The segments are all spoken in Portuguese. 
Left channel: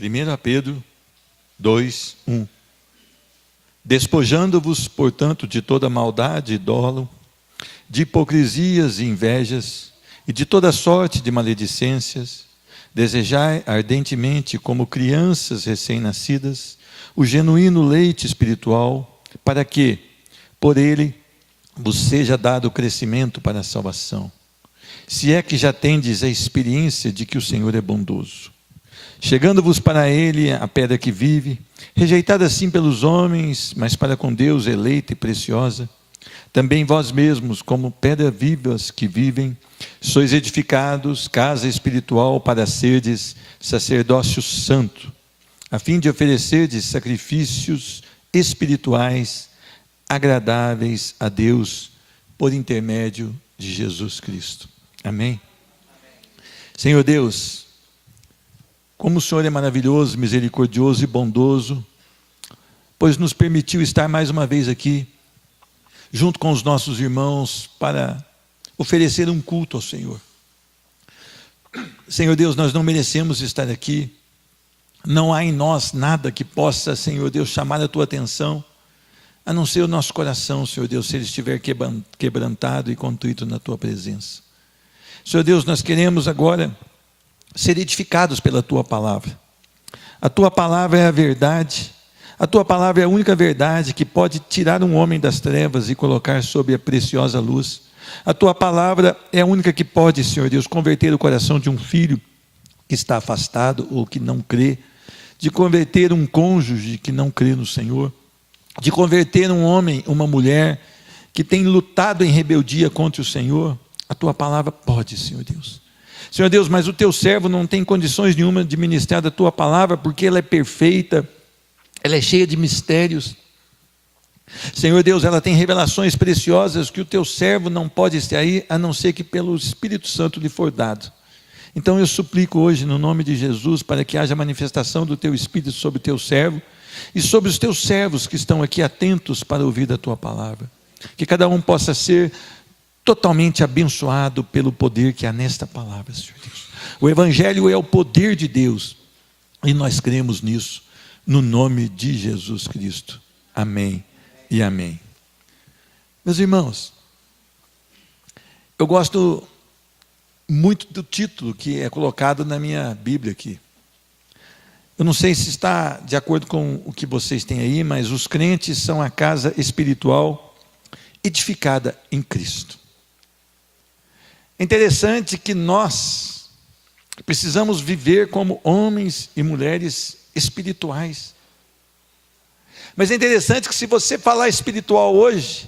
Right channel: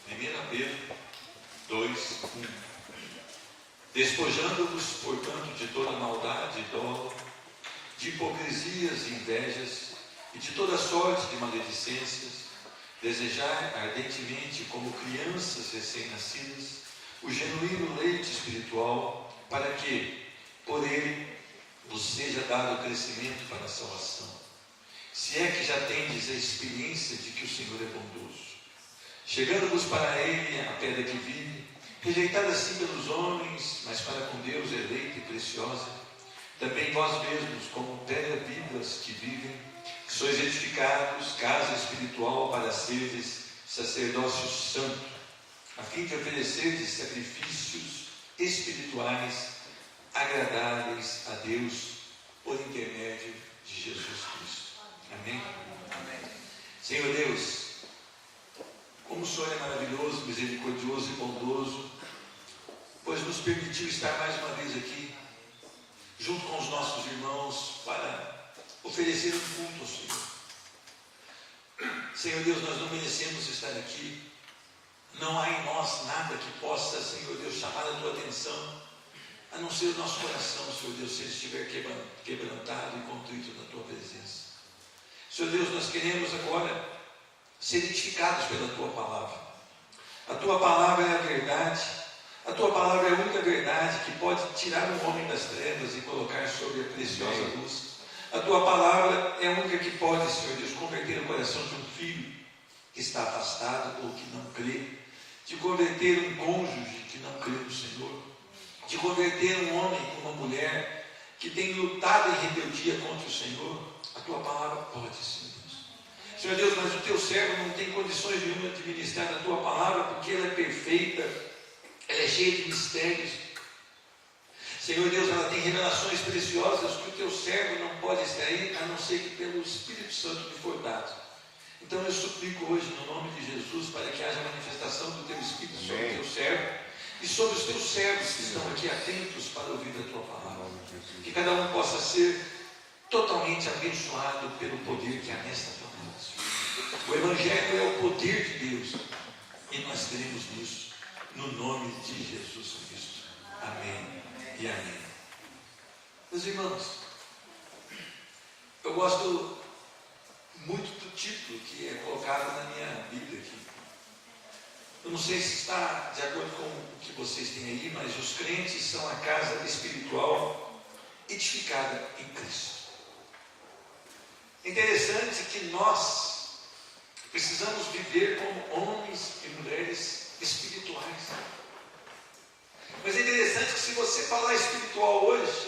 1 Pedro 2, 1. Despojando-vos, portanto, de toda maldade e dolo, de hipocrisias e invejas, e de toda sorte de maledicências, desejai ardentemente, como crianças recém-nascidas, o genuíno leite espiritual, para que, por ele, vos seja dado crescimento para a salvação. Se é que já tendes a experiência de que o Senhor é bondoso. Chegando-vos para ele a pedra que vive, rejeitada assim pelos homens, mas para com Deus eleita e preciosa, também vós mesmos, como pedras vivas que vivem, sois edificados, casa espiritual, para serdes sacerdócio santo, a fim de oferecerdes sacrifícios espirituais agradáveis a Deus, por intermédio de Jesus Cristo. Amém? Senhor Deus, como o Senhor é maravilhoso, misericordioso e bondoso, pois nos permitiu estar mais uma vez aqui, junto com os nossos irmãos, para oferecer um culto ao Senhor. Senhor Deus, nós não merecemos estar aqui, não há em nós nada que possa, Senhor Deus, chamar a Tua atenção, a não ser o nosso coração, Senhor Deus, se ele estiver quebrantado e contrito na Tua presença. Senhor Deus, nós queremos agora ser edificados pela Tua palavra. A Tua palavra é a verdade, a Tua palavra é a única verdade que pode tirar um homem das trevas e colocar sob a preciosa luz. A Tua palavra é a única que pode, Senhor Deus, converter o coração de um filho que está afastado ou que não crê, de converter um cônjuge que não crê no Senhor, de converter um homem, uma mulher que tem lutado em rebeldia contra o Senhor. A Tua palavra pode, Senhor Deus. Senhor Deus, mas o Teu servo não tem condições nenhuma de ministrar da Tua palavra, porque ela é perfeita, ela é cheia de mistérios. Senhor Deus, ela tem revelações preciosas que o Teu servo não pode extrair, a não ser que pelo Espírito Santo lhe for dado. Então eu suplico hoje, no nome de Jesus, para que haja manifestação do Teu Espírito sobre o Teu servo, e sobre os Teus servos que estão aqui atentos para ouvir da Tua palavra. Que cada um possa ser totalmente abençoado pelo poder que há nesta palavra, Senhor. O Evangelho é o poder de Deus, e nós cremos nisso, no nome de Jesus Cristo. Amém e amém. Meus irmãos, eu gosto muito do título que é colocado na minha Bíblia aqui. Eu não sei se está de acordo com o que vocês têm aí, mas os crentes são a casa espiritual edificada em Cristo. É interessante que nós precisamos viver como homens e mulheres espirituais. Mas é interessante que, se você falar espiritual hoje,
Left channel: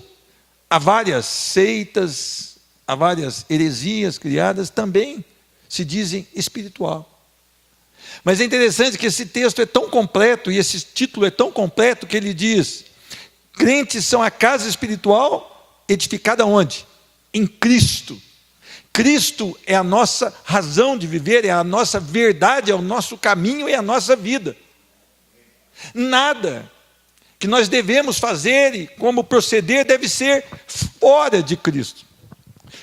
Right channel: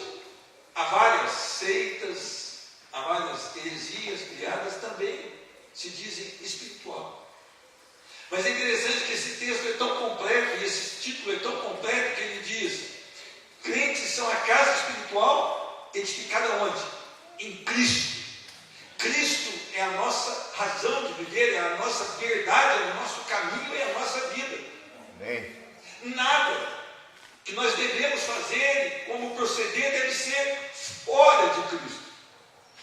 há várias seitas, há várias heresias criadas, também se dizem espiritual. Mas é interessante que esse texto é tão completo, e esse título é tão completo, que ele diz: crentes são a casa espiritual edificada onde? Em Cristo. Cristo é a nossa razão de viver, é a nossa verdade, é o nosso caminho, é a nossa vida. Nada que nós devemos fazer e como proceder deve ser fora de Cristo.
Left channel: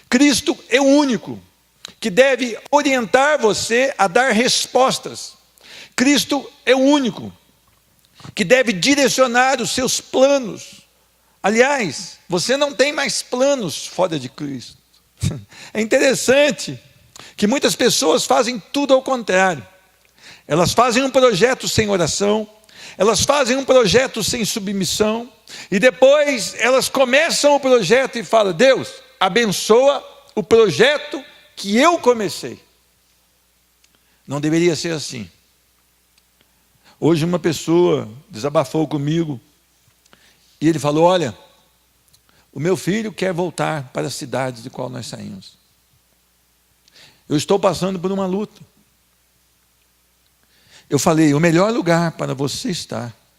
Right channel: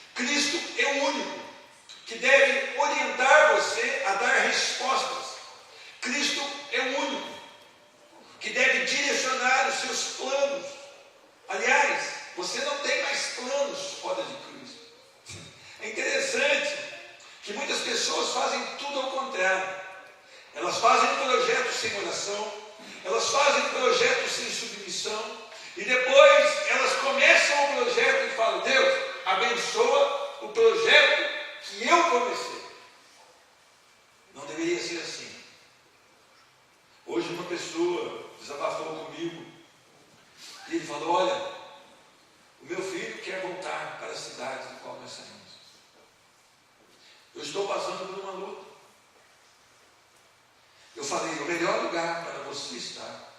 Cristo é o único que deve orientar você a dar respostas. Cristo é o único que deve direcionar os seus planos. Aliás, você não tem mais planos fora de Cristo. É interessante que muitas pessoas fazem tudo ao contrário. Elas fazem um projeto sem oração, elas fazem um projeto sem submissão, e depois elas começam o projeto e falam: Deus, abençoa o projeto que eu comecei. Não deveria ser assim. Hoje uma pessoa desabafou comigo, e ele falou: olha, o meu filho quer voltar para a cidade do qual nós saímos. Eu estou passando por uma luta. Eu falei: o melhor lugar para você estar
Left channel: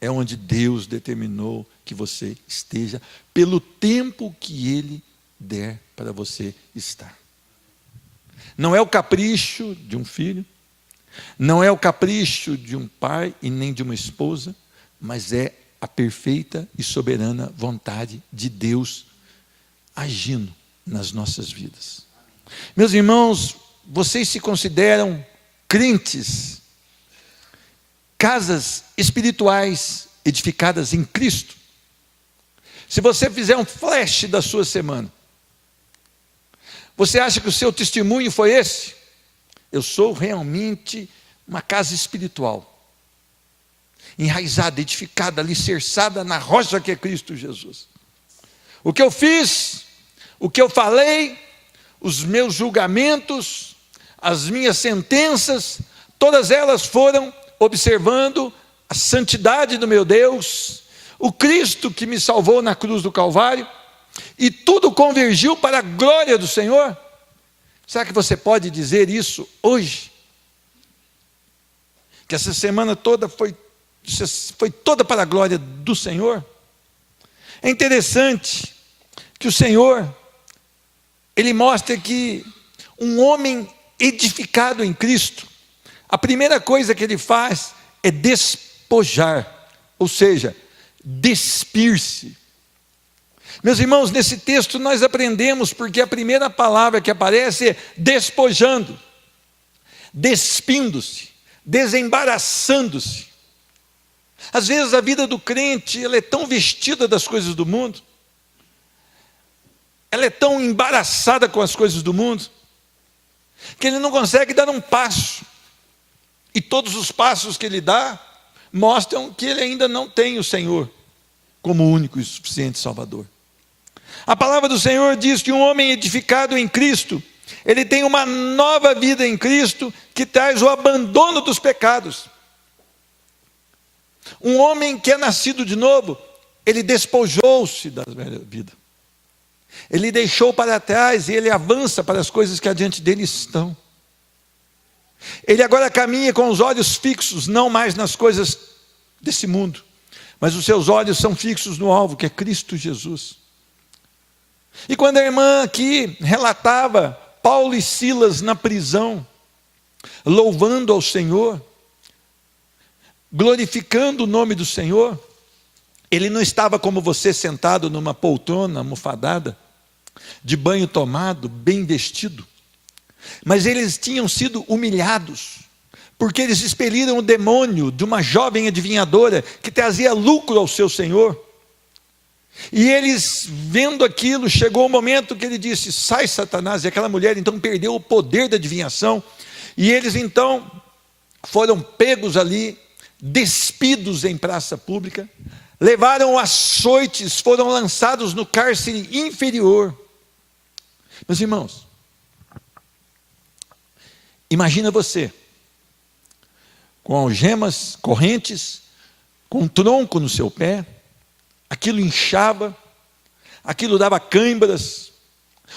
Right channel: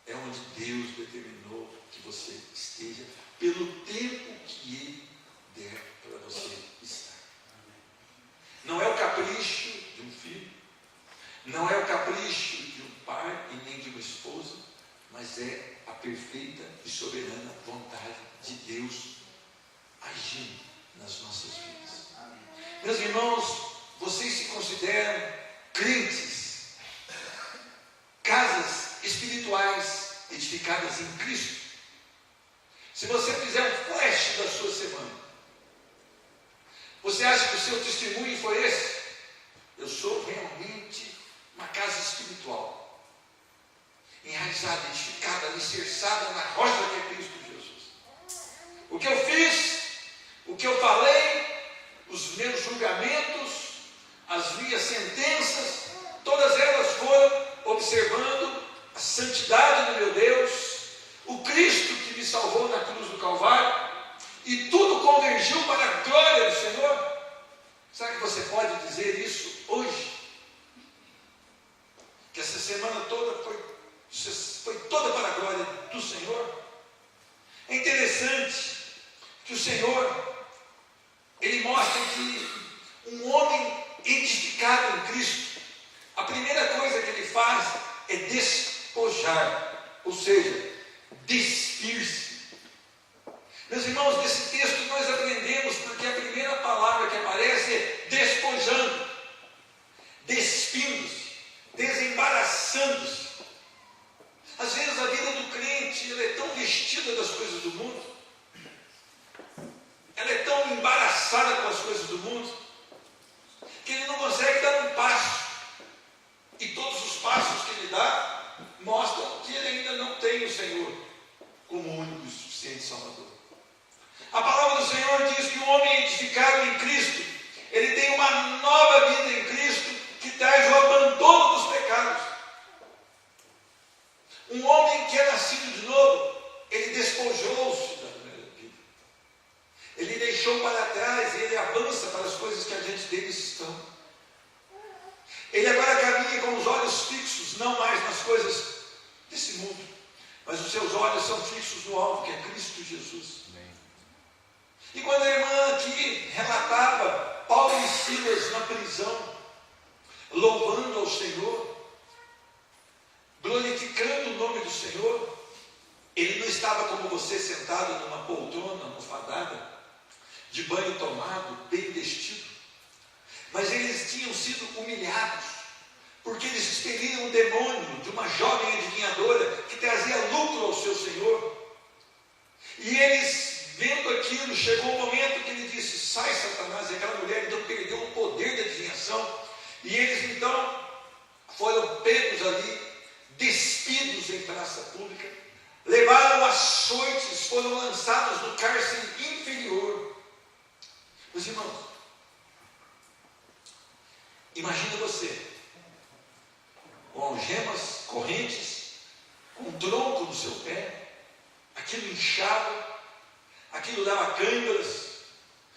é onde Deus determinou que você esteja, pelo tempo que Ele der para você estar. Não é o capricho de um filho, não é o capricho de um pai e nem de uma esposa, mas é a perfeita e soberana vontade de Deus agindo nas nossas vidas. Meus irmãos, vocês se consideram crentes casas espirituais edificadas em Cristo. Se você fizer um flash da sua semana, você acha que o seu testemunho foi esse? Eu sou realmente uma casa espiritual, enraizada, edificada, alicerçada na rocha que é Cristo Jesus. O que eu fiz, o que eu falei, os meus julgamentos, as minhas sentenças, todas elas foram observando a santidade do meu Deus, o Cristo que me salvou na cruz do Calvário, e tudo convergiu para a glória do Senhor. Será que você pode dizer isso hoje? Que essa semana toda foi toda para a glória do Senhor? É interessante que o Senhor, Ele mostra que um homem edificado em Cristo, a primeira coisa que ele faz é despojar, ou seja, despir-se. Meus irmãos, nesse texto nós aprendemos, porque a primeira palavra que aparece é despojando, despindo-se, desembaraçando-se. Às vezes a vida do crente, ela é tão vestida das coisas do mundo, ela é tão embaraçada com as coisas do mundo, que ele não consegue dar um passo, e todos os passos que ele dá, mostram que ele ainda não tem o Senhor, como único e suficiente Salvador. A palavra do Senhor diz que um homem edificado em Cristo, ele tem uma nova vida em Cristo, que traz o abandono dos pecados. Um homem que é nascido de novo, ele despojou-se da velha vida, ele deixou para trás e ele avança para as coisas que adiante dele estão. Ele agora caminha com os olhos fixos, não mais nas coisas desse mundo, mas os seus olhos são fixos no alvo, que é Cristo Jesus. E quando a irmã aqui relatava Paulo e Silas na prisão, louvando ao Senhor, glorificando o nome do Senhor, ele não estava como você, sentado numa poltrona almofadada, de banho tomado, bem vestido, mas eles tinham sido humilhados, porque eles expeliram o demônio de uma jovem adivinhadora, que trazia lucro ao seu senhor. E eles, vendo aquilo, chegou o momento que ele disse: sai, Satanás. E aquela mulher então perdeu o poder da adivinhação, e eles então foram pegos ali, despidos em praça pública, levaram açoites, foram lançados no cárcere inferior. Meus irmãos, imagina você com algemas, correntes, com um tronco no seu pé, aquilo inchava, aquilo dava cãibras.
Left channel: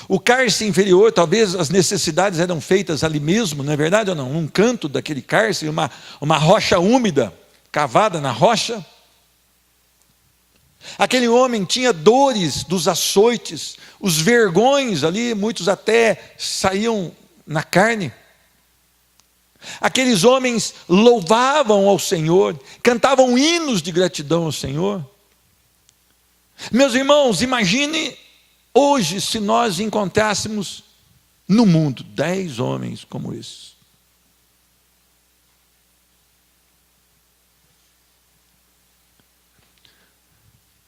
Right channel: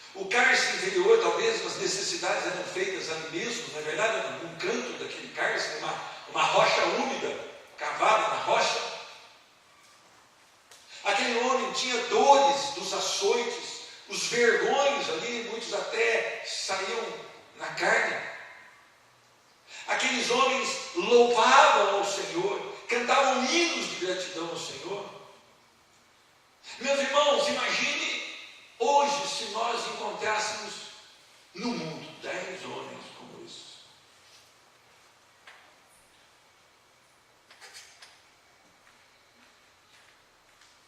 O cárcere inferior, talvez as necessidades eram feitas ali mesmo, não é verdade ou não? Num canto daquele cárcere, uma rocha úmida, cavada na rocha. Aquele homem tinha dores dos açoites, os vergões ali, muitos até saíam na carne. Aqueles homens louvavam ao Senhor, cantavam hinos de gratidão ao Senhor. Meus irmãos, imagine hoje se nós encontrássemos no mundo 10 homens como esses.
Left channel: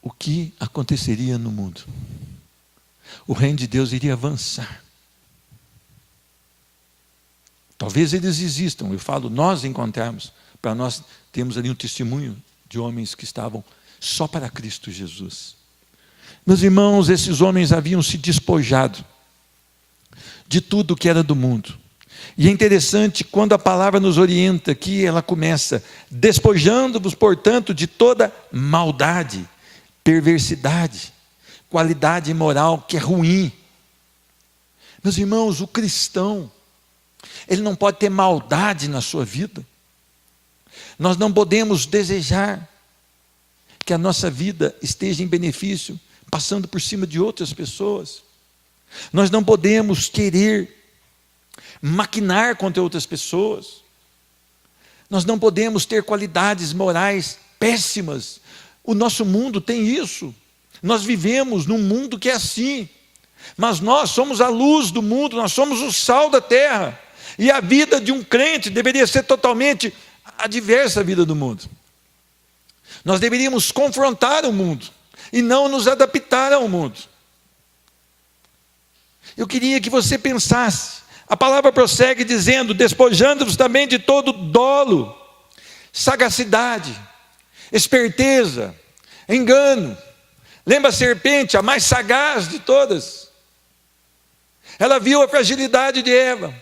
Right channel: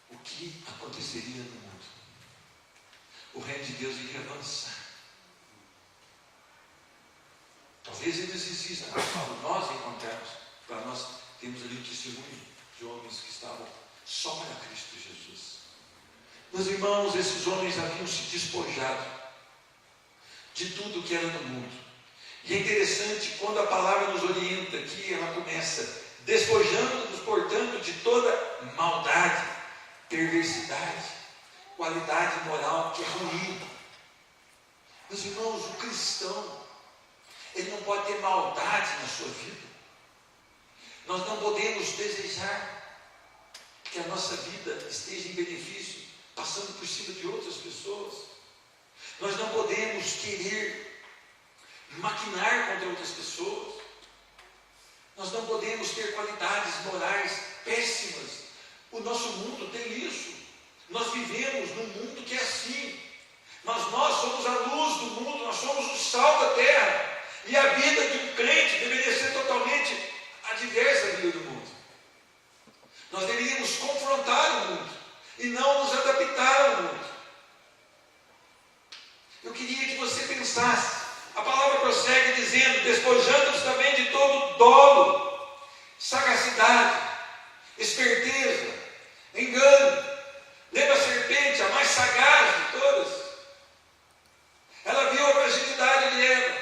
O que aconteceria no mundo? O reino de Deus iria avançar. Talvez eles existam, eu falo, nós encontrarmos, para nós termos ali um testemunho de homens que estavam só para Cristo Jesus. Meus irmãos, esses homens haviam se despojado de tudo que era do mundo. E é interessante, quando a palavra nos orienta aqui, ela começa: despojando-vos, portanto, de toda maldade, perversidade, qualidade moral que é ruim. Meus irmãos, o cristão, ele não pode ter maldade na sua vida. Nós não podemos desejar que a nossa vida esteja em benefício, passando por cima de outras pessoas. Nós não podemos querer maquinar contra outras pessoas. Nós não podemos ter qualidades morais péssimas. O nosso mundo tem isso. Nós vivemos num mundo que é assim. Mas nós somos a luz do mundo, nós somos o sal da terra. E a vida de um crente deveria ser totalmente adversa à vida do mundo. Nós deveríamos confrontar o mundo e não nos adaptar ao mundo. Eu queria que você pensasse. A palavra prossegue dizendo: despojando-vos também de todo dolo, sagacidade, esperteza, engano. Lembra a serpente, a mais sagaz de todas? Ela viu a fragilidade de Eva,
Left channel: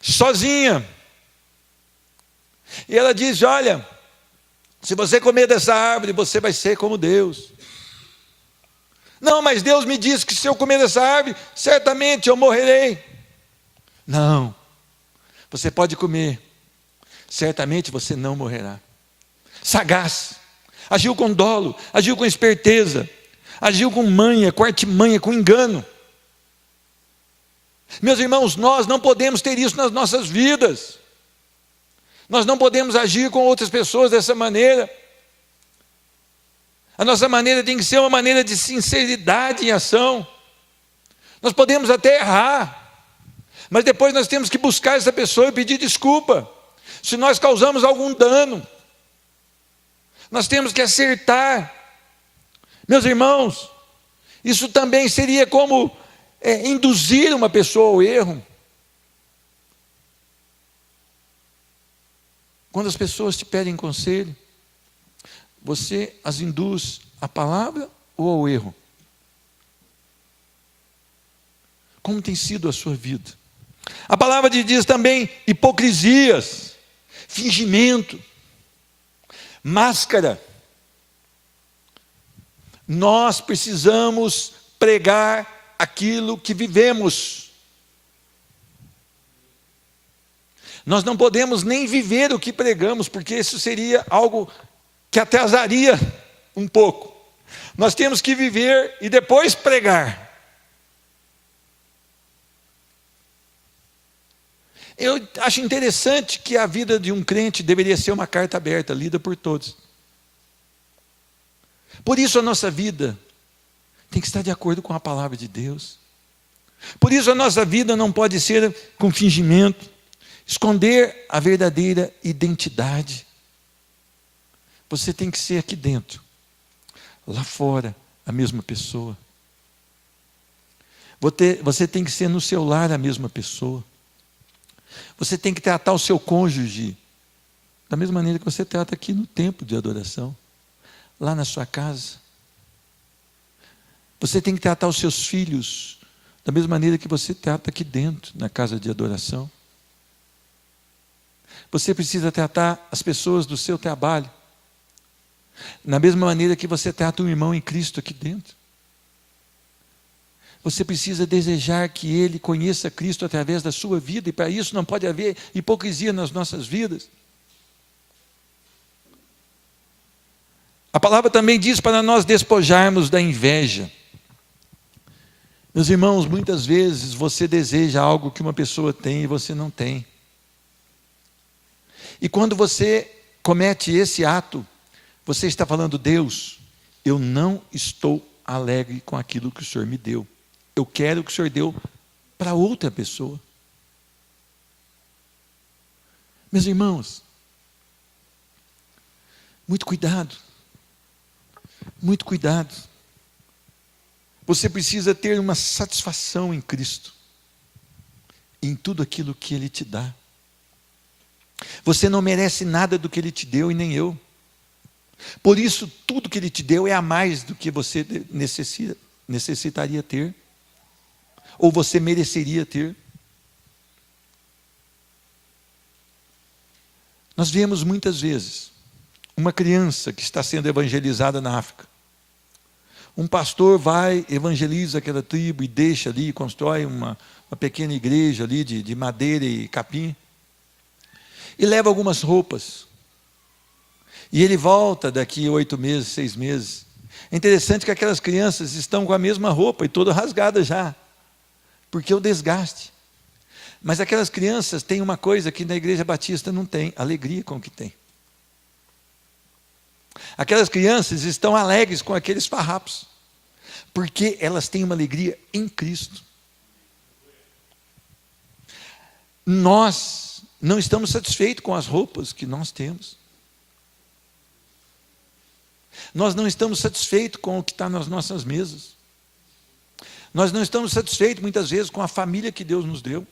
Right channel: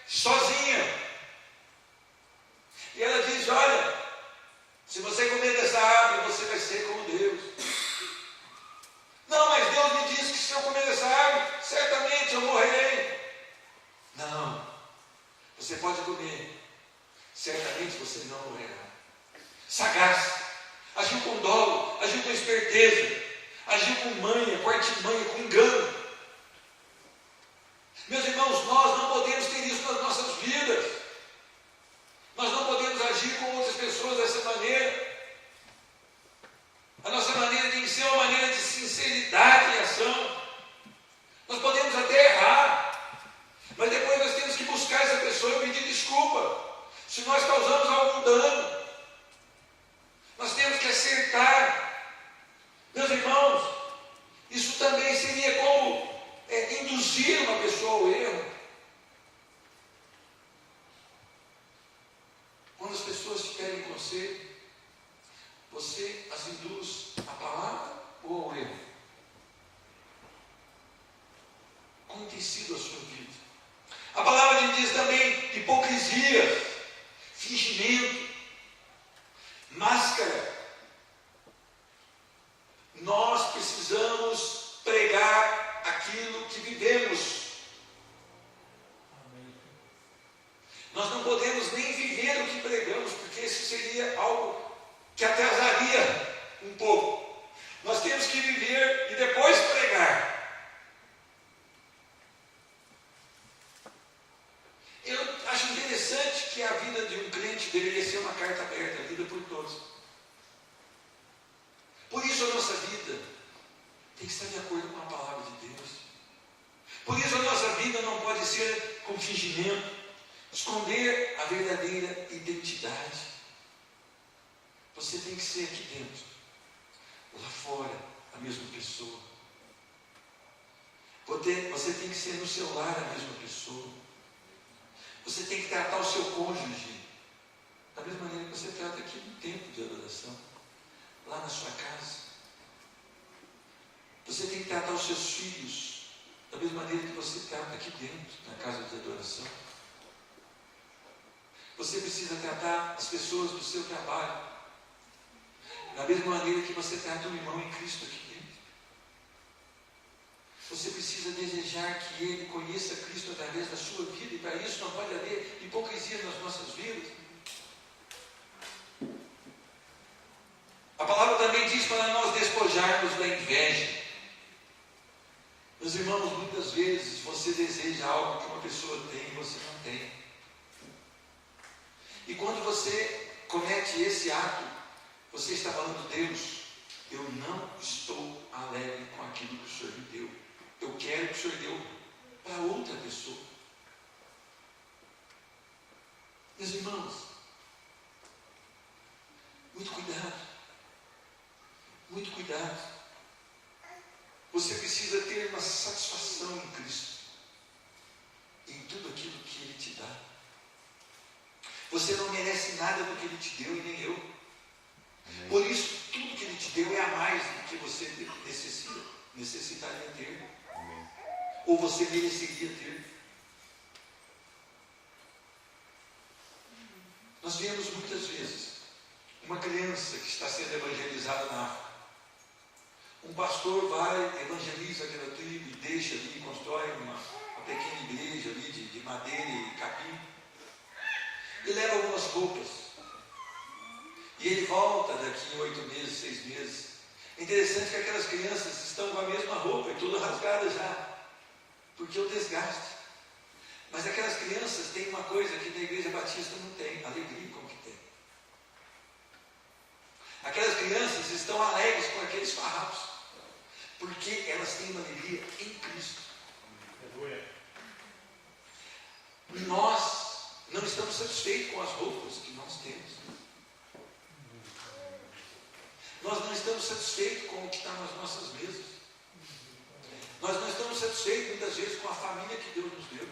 sozinha. E ela diz: olha, se você comer dessa árvore, você vai ser como Deus. Não, mas Deus me disse que se eu comer dessa árvore, certamente eu morrerei. Não, você pode comer, certamente você não morrerá. Sagaz, agiu com dolo, agiu com esperteza, agiu com manha, com artimanha, com engano. Meus irmãos, nós não podemos ter isso nas nossas vidas. Nós não podemos agir com outras pessoas dessa maneira. A nossa maneira tem que ser uma maneira de sinceridade em ação. Nós podemos até errar, mas depois nós temos que buscar essa pessoa e pedir desculpa. Se nós causamos algum dano, nós temos que acertar. Meus irmãos, isso também seria como induzir uma pessoa ao erro. Quando as pessoas te pedem conselho, você as induz à palavra ou ao erro? Como tem sido a sua vida? A palavra diz também hipocrisias, fingimento, máscara. Nós precisamos pregar aquilo que vivemos. Nós não podemos nem viver o que pregamos, porque isso seria algo que atrasaria um pouco. Nós temos que viver e depois pregar. Eu acho interessante que a vida de um crente deveria ser uma carta aberta, lida por todos. Por isso a nossa vida tem que estar de acordo com a palavra de Deus. Por isso a nossa vida não pode ser com fingimento, esconder a verdadeira identidade. Você tem que ser aqui dentro, lá fora, a mesma pessoa. Você tem que ser no seu lar a mesma pessoa. Você tem que tratar o seu cônjuge da mesma maneira que você trata aqui no templo de adoração, lá na sua casa. Você tem que tratar os seus filhos da mesma maneira que você trata aqui dentro, na casa de adoração. Você precisa tratar as pessoas do seu trabalho na mesma maneira que você trata um irmão em Cristo aqui dentro. Você precisa desejar que ele conheça Cristo através da sua vida, e para isso não pode haver hipocrisia nas nossas vidas. A palavra também diz para nós despojarmos da inveja. Meus irmãos, muitas vezes você deseja algo que uma pessoa tem e você não tem. E quando você comete esse ato, você está falando: Deus, eu não estou alegre com aquilo que o Senhor me deu. Eu quero que o Senhor deu para outra pessoa. Meus irmãos, muito cuidado. Muito cuidado. Você precisa ter uma satisfação em Cristo, em tudo aquilo que Ele te dá. Você não merece nada do que Ele te deu e nem eu. Por isso, tudo que Ele te deu é a mais do que você necessitaria ter, ou você mereceria ter. Nós vemos muitas vezes uma criança que está sendo evangelizada na África. Um pastor vai, evangeliza aquela tribo e deixa ali, constrói uma pequena igreja ali de madeira e capim, e leva algumas roupas. E ele volta daqui 8 meses, 6 meses. É interessante que aquelas crianças estão com a mesma roupa e toda rasgada já, porque o desgaste. Mas aquelas crianças têm uma coisa que na Igreja Batista não tem: alegria com o que tem. Aquelas crianças estão alegres com aqueles farrapos, porque elas têm uma alegria em Cristo. Nós não estamos satisfeitos com as roupas que nós temos. Nós não estamos satisfeitos com o que está nas nossas mesas. Nós não estamos satisfeitos, muitas vezes, com a família que Deus nos deu.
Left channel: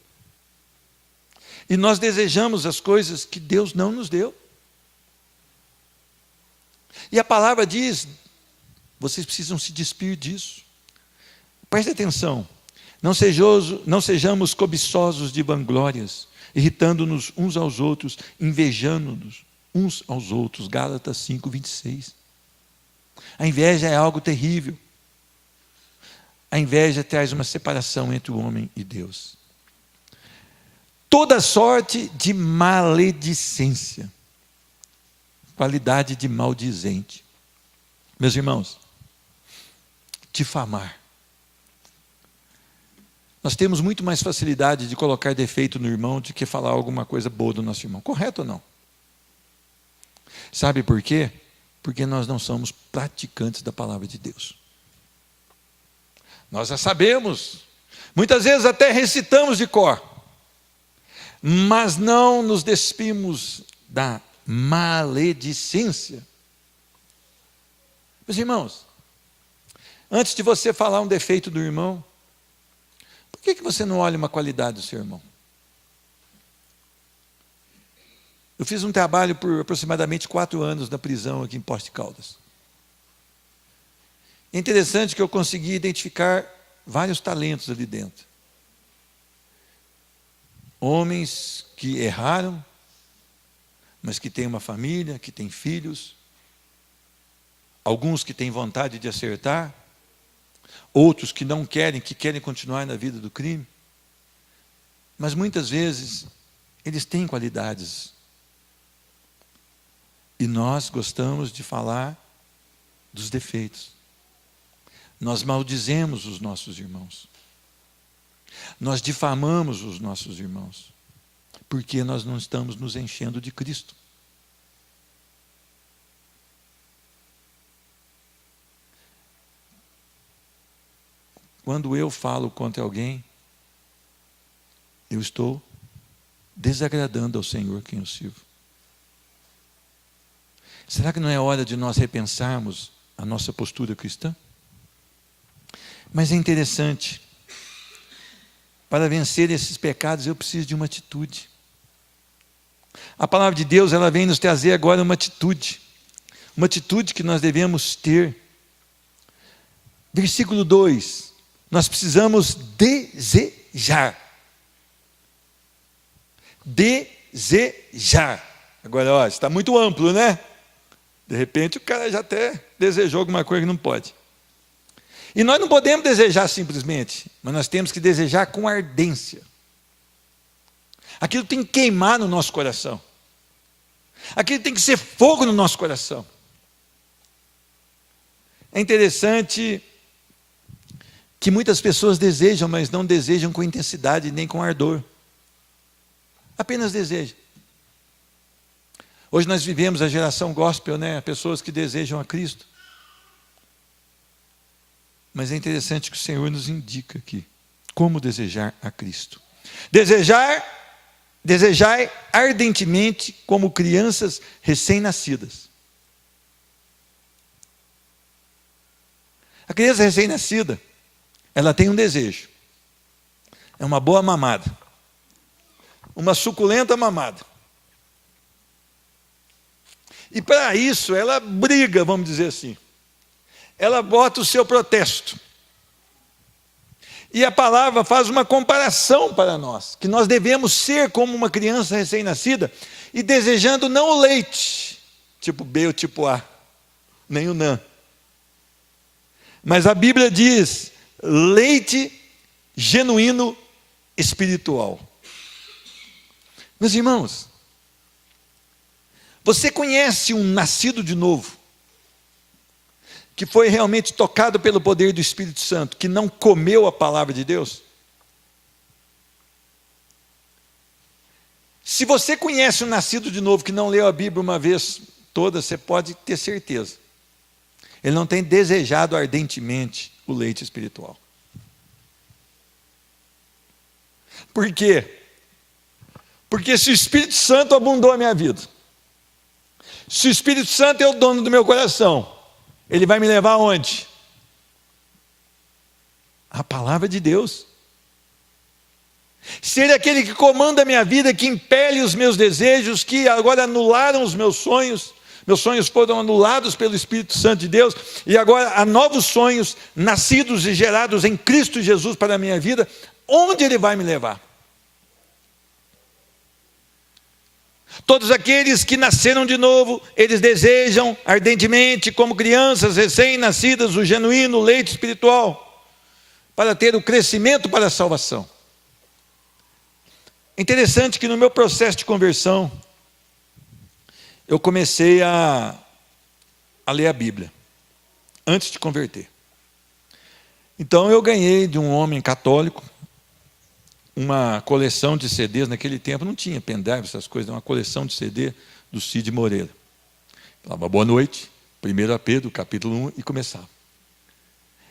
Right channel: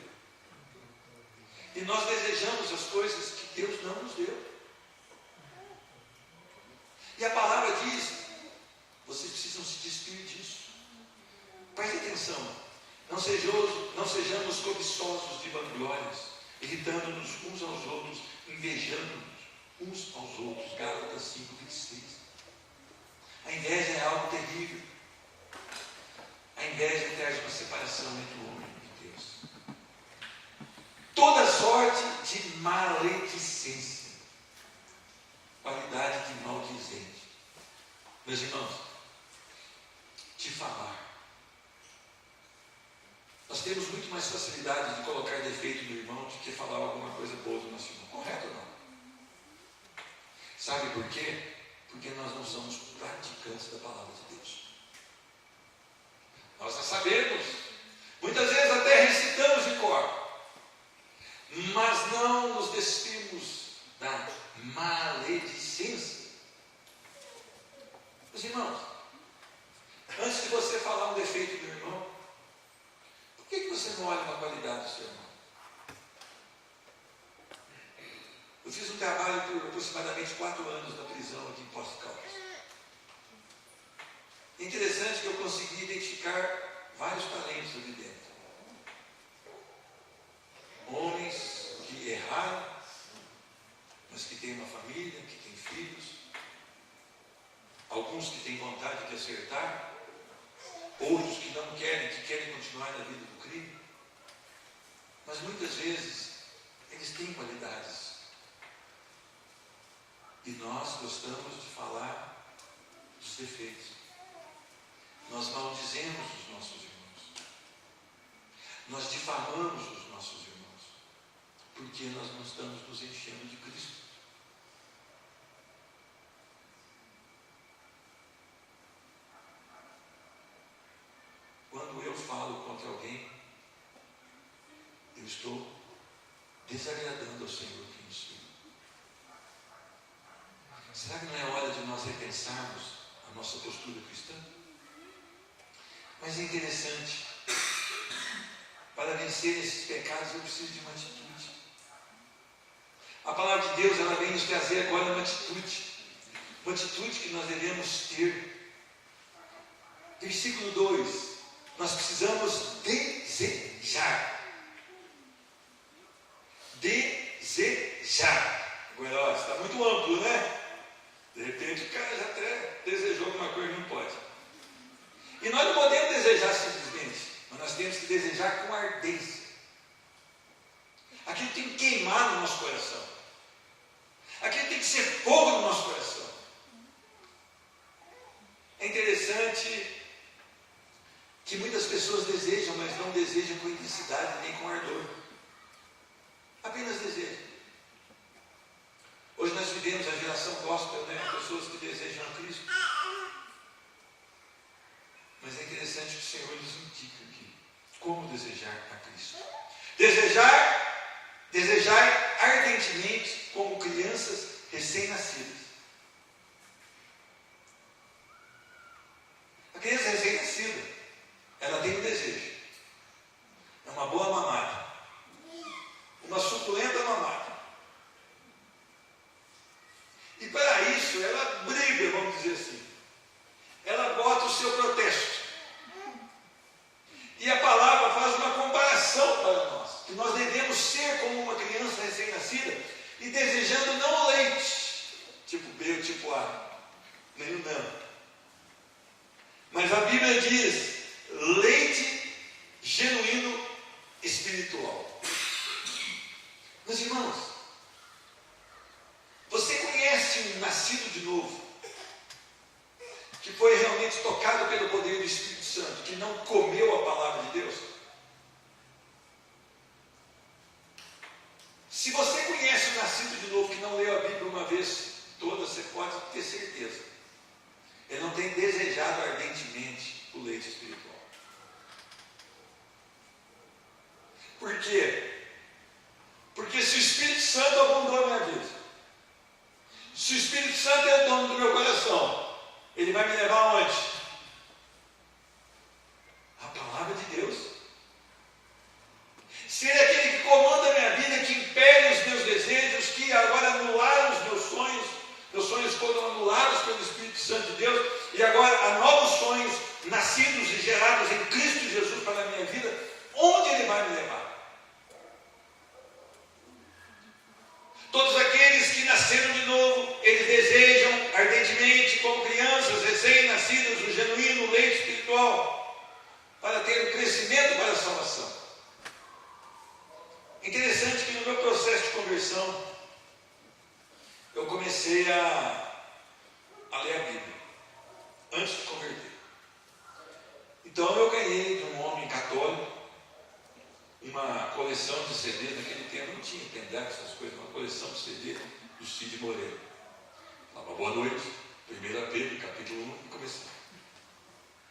E nós desejamos as coisas que Deus não nos deu. E a palavra diz, vocês precisam se despir disso. Preste atenção, não sejamos cobiçosos de vanglórias, irritando-nos uns aos outros, invejando-nos uns aos outros. Gálatas 5:26. A inveja é algo terrível. A inveja traz uma separação entre o homem e Deus. Toda sorte de maledicência, qualidade de maldizente. Meus irmãos, difamar. Nós temos muito mais facilidade de colocar defeito no irmão do que falar alguma coisa boa do nosso irmão. Correto ou não? Sabe por quê? Porque nós não somos praticantes da palavra de Deus. Nós já sabemos, muitas vezes até recitamos de cor, mas não nos despimos da maledicência. Meus irmãos, antes de você falar um defeito do irmão, por que você não olha uma qualidade do seu irmão? Eu fiz um trabalho por aproximadamente 4 anos na prisão aqui em Poços de Caldas. É interessante que eu consegui identificar vários talentos ali dentro. Homens que erraram, mas que têm uma família, que têm filhos. Alguns que têm vontade de acertar. Outros que não querem, que querem continuar na vida do crime. Mas muitas vezes, eles têm qualidades. E nós gostamos de falar dos defeitos. Nós maldizemos os nossos irmãos. Nós difamamos os nossos irmãos. Porque nós não estamos nos enchendo de Cristo. Quando eu falo contra alguém, eu estou desagradando ao Senhor quem eu sirvo. Será que não é hora de nós repensarmos a nossa postura cristã? Mas é interessante, para vencer esses pecados eu preciso de uma atitude. A palavra de Deus, ela vem nos trazer agora uma atitude que nós devemos ter. Versículo 2, nós precisamos desejar. Desejar. Agora, ó, está muito amplo, né? De repente o cara já até desejou alguma coisa que não pode. E nós não podemos desejar simplesmente, mas nós temos que desejar com ardência. Aquilo tem que queimar no nosso coração. Aquilo tem que ser fogo no nosso coração. É interessante que muitas pessoas desejam, mas não desejam com intensidade nem com ardor. Apenas desejam. Hoje nós vivemos a geração gospel, né? Pessoas que desejam a Cristo. Mas é interessante que o Senhor nos indica aqui como desejar a Cristo. Desejar ardentemente como crianças recém-nascidas. A criança recém-nascida, ela tem um desejo. É uma boa mamada. Uma suculenta mamada. E para isso ela briga, vamos dizer assim. Ela bota o seu protesto. E a palavra faz uma comparação para nós, que nós devemos ser como uma criança recém-nascida e desejando não o leite, tipo B ou tipo A, nem o NAN. Mas a Bíblia diz, leite genuíno espiritual. Meus irmãos, você conhece um nascido de novo, que foi realmente tocado pelo poder do Espírito Santo, que não comeu a palavra de Deus? Se você conhece um nascido de novo que não leu a Bíblia uma vez toda, você pode ter certeza. Ele não tem desejado ardentemente o leite espiritual. Por quê? Porque se o Espírito Santo abundou a minha vida, se o Espírito Santo é o dono do meu coração, Ele vai me levar aonde? A palavra de Deus. Ser aquele que comanda a minha vida, que impele os meus desejos, que agora anularam os meus sonhos foram anulados pelo Espírito Santo de Deus, e agora há novos sonhos, nascidos e gerados em Cristo Jesus para a minha vida. Onde Ele vai me levar? Todos aqueles que nasceram de novo, eles desejam ardentemente, como crianças recém-nascidas, o genuíno leite espiritual, para ter o crescimento para a salvação. Interessante que no meu processo de conversão, eu comecei a ler a Bíblia, antes de converter. Então eu ganhei de um homem católico uma coleção de CDs. Naquele tempo não tinha pendrive, essas coisas, uma coleção de CD do Cid Moreira. Falava boa noite, 1 Pedro, capítulo 1, e começava.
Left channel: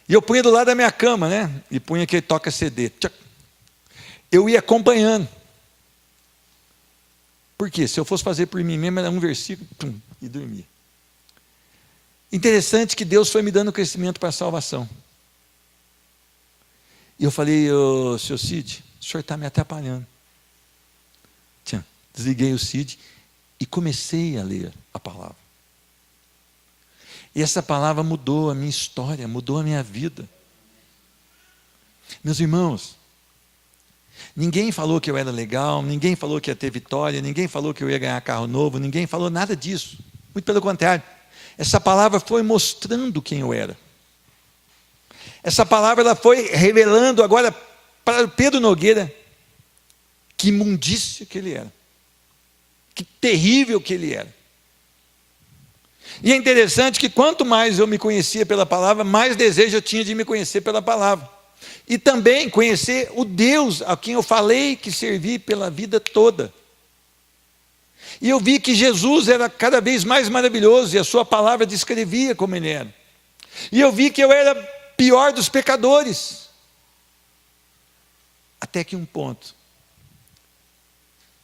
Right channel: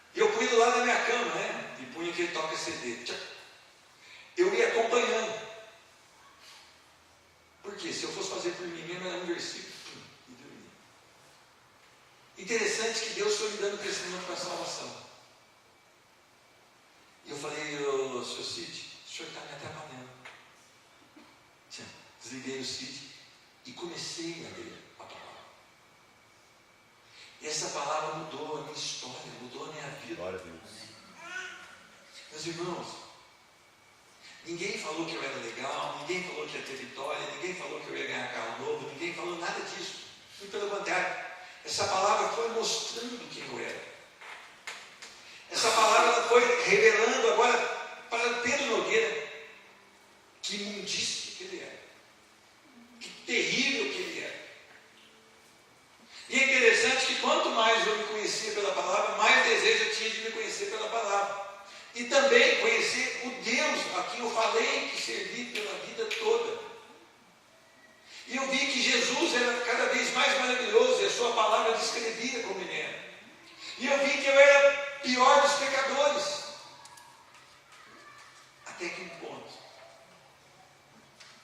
E eu punha do lado da minha cama, né? E punha aquele toca CD. Eu ia acompanhando. Por quê? Se eu fosse fazer por mim mesmo, era um versículo, e dormia. Interessante que Deus foi me dando crescimento para a salvação. E eu falei, senhor Cid, o senhor está me atrapalhando. Desliguei o Cid e comecei a ler a palavra. E essa palavra mudou a minha história, mudou a minha vida. Meus irmãos, ninguém falou que eu era legal, ninguém falou que ia ter vitória, ninguém falou que eu ia ganhar carro novo, ninguém falou nada disso. Muito pelo contrário, essa palavra foi mostrando quem eu era. Essa palavra ela foi revelando agora para Pedro Nogueira que imundícia que ele era, que terrível que ele era. E é interessante que quanto mais eu me conhecia pela palavra, mais desejo eu tinha de me conhecer pela palavra. E também conhecer o Deus a quem eu falei que servi pela vida toda. E eu vi que Jesus era cada vez mais maravilhoso, e a sua palavra descrevia como Ele era. E eu vi que eu era pior dos pecadores. Até que um ponto,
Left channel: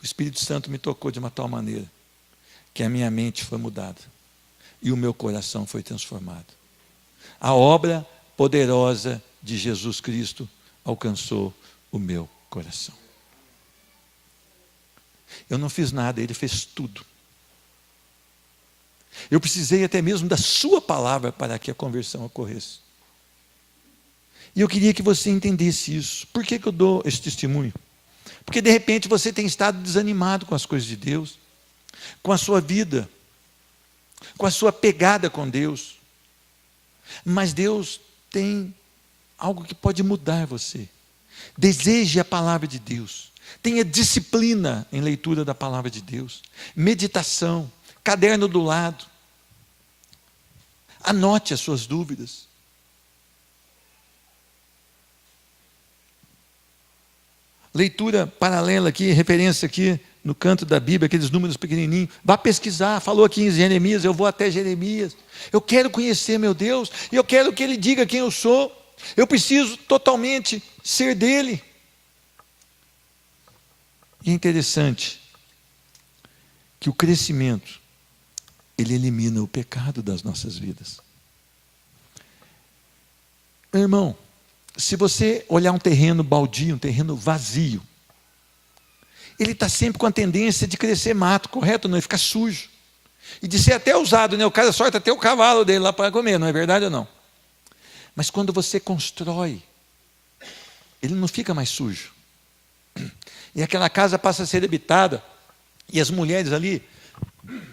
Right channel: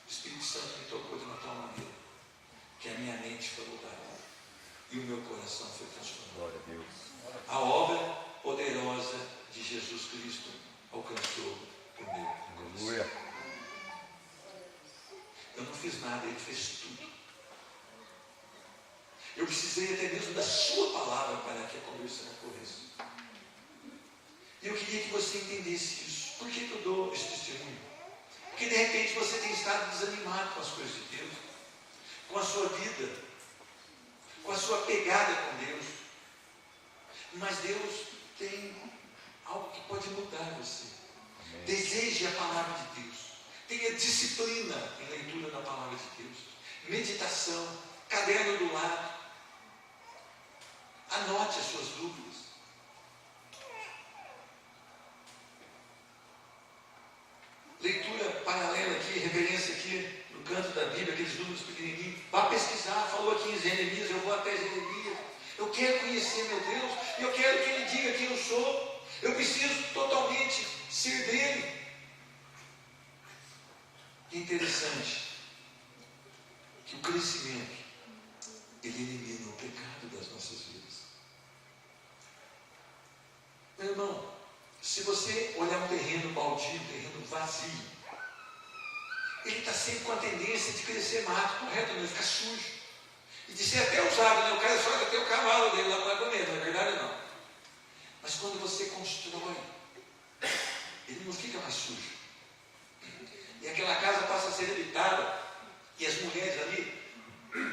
o Espírito Santo me tocou de uma tal maneira, que a minha mente foi mudada, e o meu coração foi transformado. A obra poderosa de Jesus Cristo alcançou o meu coração. Eu não fiz nada, Ele fez tudo. Eu precisei até mesmo da sua palavra para que a conversão ocorresse. E eu queria que você entendesse isso. Por que eu dou esse testemunho? Porque de repente você tem estado desanimado com as coisas de Deus, com a sua vida, com a sua pegada com Deus. Mas Deus tem algo que pode mudar você. Deseje a palavra de Deus. Tenha disciplina em leitura da palavra de Deus. Meditação, caderno do lado. Anote as suas dúvidas. Leitura paralela aqui, referência aqui no canto da Bíblia, aqueles números pequenininhos. Vá pesquisar, falou aqui em Jeremias, eu vou até Jeremias. Eu quero conhecer meu Deus, e eu quero que Ele diga quem eu sou. Eu preciso totalmente ser dEle. E é interessante que o crescimento, ele elimina o pecado das nossas vidas. Meu irmão, se você olhar um terreno baldio, um terreno vazio, ele está sempre com a tendência de crescer mato, correto? Não, ele fica sujo. E de ser até usado, né? O cara sorta até o cavalo dele lá para comer, não é verdade ou não? Mas quando você constrói, ele não fica mais sujo. E aquela casa passa a ser habitada, e as mulheres ali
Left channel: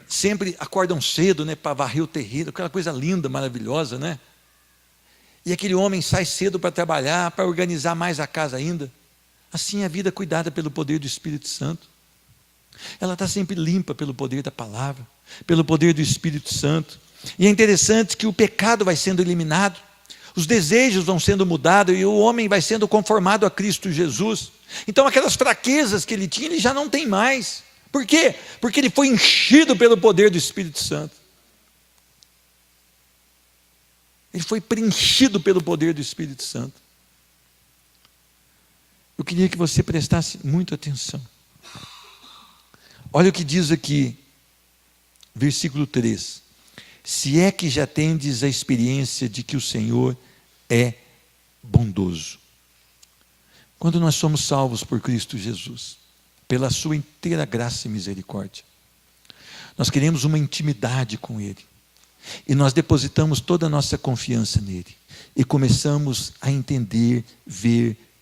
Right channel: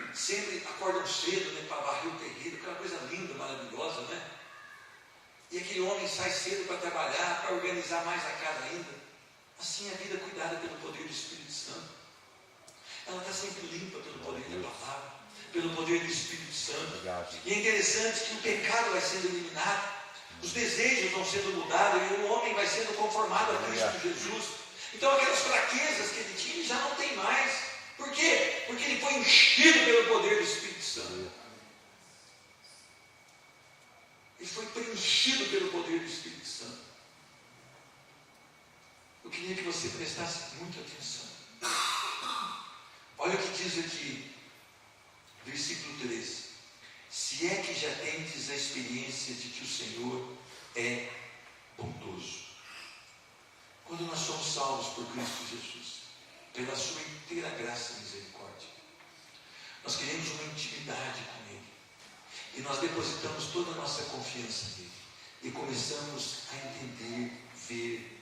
sempre acordam cedo, né, para varrer o terreiro, aquela coisa linda, maravilhosa, né? E aquele homem sai cedo para trabalhar, para organizar mais a casa ainda. Assim é a vida cuidada pelo poder do Espírito Santo. Ela está sempre limpa pelo poder da palavra, pelo poder do Espírito Santo. E é interessante que o pecado vai sendo eliminado, os desejos vão sendo mudados, e o homem vai sendo conformado a Cristo Jesus. Então aquelas fraquezas que ele tinha, ele já não tem mais. Por quê? Porque ele foi enchido pelo poder do Espírito Santo. Ele foi preenchido pelo poder do Espírito Santo. Eu queria que você prestasse muita atenção. Olha o que diz aqui, versículo 3. se é que já tendes a experiência de que o Senhor é bondoso. Quando nós somos salvos por Cristo Jesus, pela sua inteira graça e misericórdia, nós queremos uma intimidade com Ele, e nós depositamos toda a nossa confiança nele, e começamos a entender, ver,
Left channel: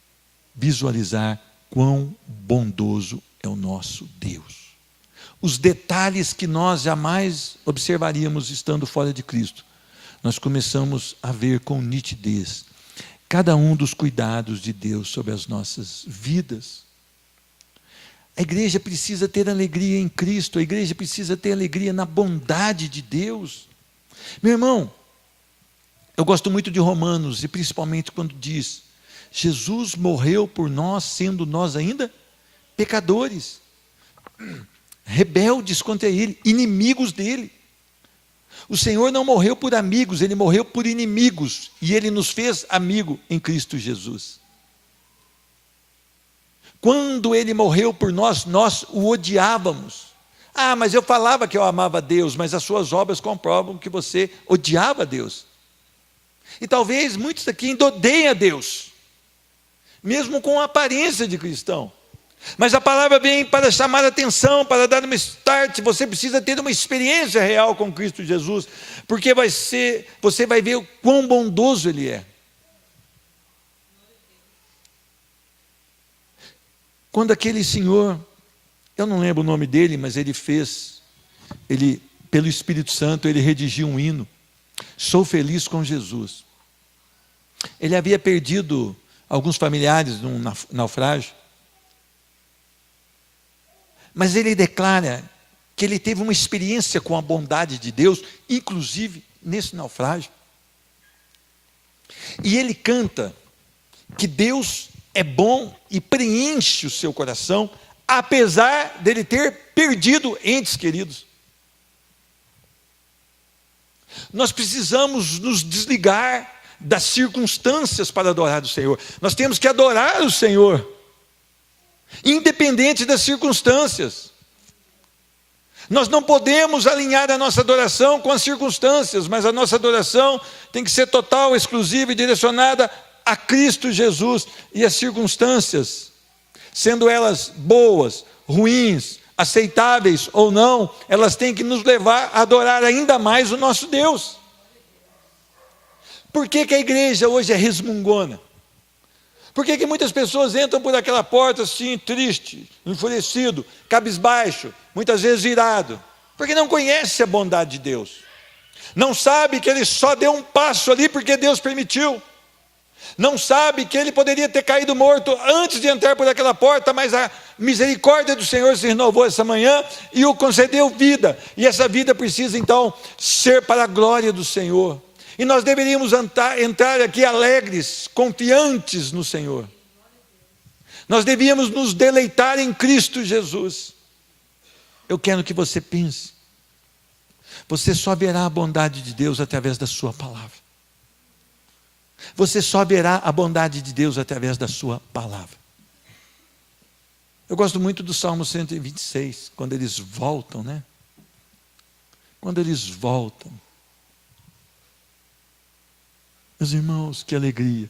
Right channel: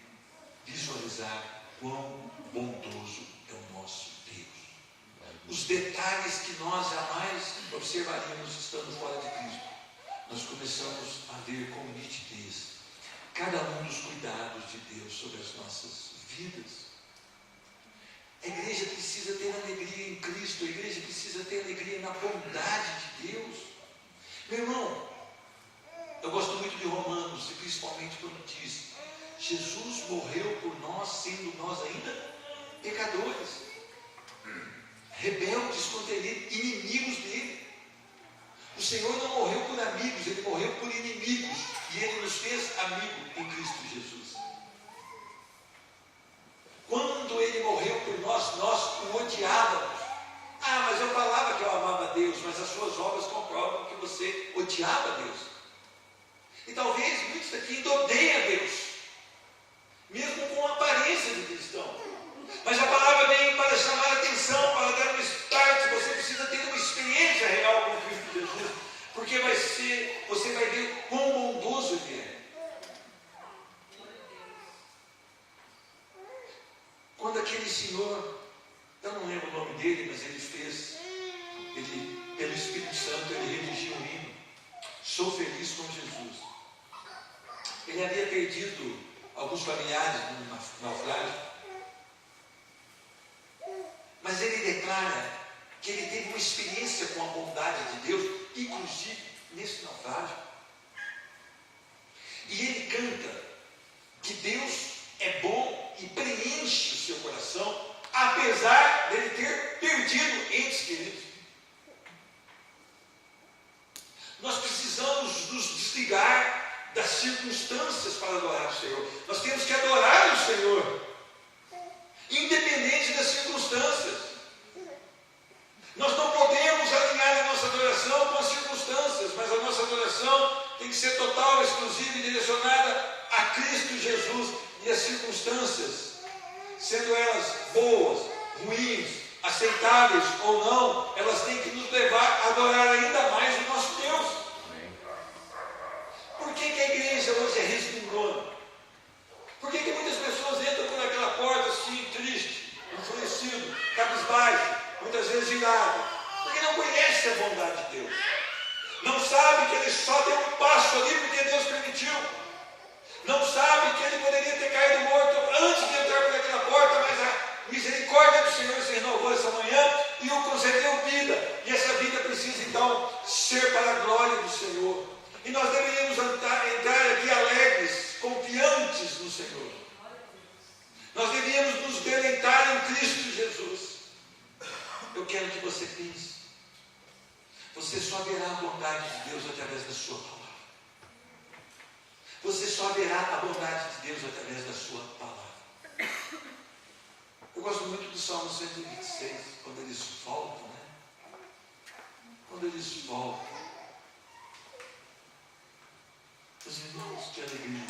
visualizar quão bondoso é o nosso Deus. Os detalhes que nós jamais observaríamos estando fora de Cristo, nós começamos a ver com nitidez cada um dos cuidados de Deus sobre as nossas vidas. A igreja precisa ter alegria em Cristo, a igreja precisa ter alegria na bondade de Deus. Meu irmão, eu gosto muito de Romanos, e principalmente quando diz: Jesus morreu por nós, sendo nós ainda pecadores, rebeldes contra Ele, inimigos dEle. O Senhor não morreu por amigos, Ele morreu por inimigos, e Ele nos fez amigo em Cristo Jesus. Quando Ele morreu por nós, nós o odiávamos. Ah, mas eu falava que eu amava Deus, mas as suas obras comprovam que você odiava Deus. E talvez muitos aqui ainda odeiem a Deus, mesmo com a aparência de cristão. Mas a palavra vem para chamar a atenção, para dar uma start. Você precisa ter uma experiência real com Cristo Jesus, porque você vai ver o quão bondoso Ele é. Quando aquele senhor, eu não lembro o nome dele, mas ele pelo Espírito Santo, ele redigiu um hino: Sou feliz com Jesus. Ele havia perdido alguns familiares num naufrágio, mas ele declara que ele teve uma experiência com a bondade de Deus, inclusive nesse naufrágio. E ele canta que Deus é bom e preenche o seu coração, apesar dele ter perdido entes queridos. Nós precisamos nos desligar das circunstâncias para adorar o Senhor. Nós temos que adorar o Senhor, independente das circunstâncias. Nós não podemos alinhar a nossa adoração com as circunstâncias, mas a nossa adoração tem que ser total, exclusiva e direcionada a Cristo Jesus. E as circunstâncias, sendo elas boas, ruins, aceitáveis ou não, elas têm que nos levar a adorar ainda mais o nosso Deus. Por que a igreja hoje é resmungona? Por que muitas pessoas entram por aquela porta assim, triste, enfurecido, cabisbaixo, muitas vezes irado? Porque não conhece a bondade de Deus, não sabe que Ele só deu um passo ali porque Deus permitiu, não sabe que ele poderia ter caído morto antes de entrar por aquela porta, mas a misericórdia do Senhor se renovou essa manhã e o concedeu vida, e essa vida precisa então ser para a glória do Senhor. E nós deveríamos entrar aqui alegres, confiantes no Senhor. Nós devíamos nos deleitar em Cristo Jesus. Eu quero que você pense: você só verá a bondade de Deus através da sua palavra. Você só verá a bondade de Deus através da sua palavra. Eu gosto muito do Salmo 126, quando eles voltam, né? Quando eles voltam. Meus irmãos, que alegria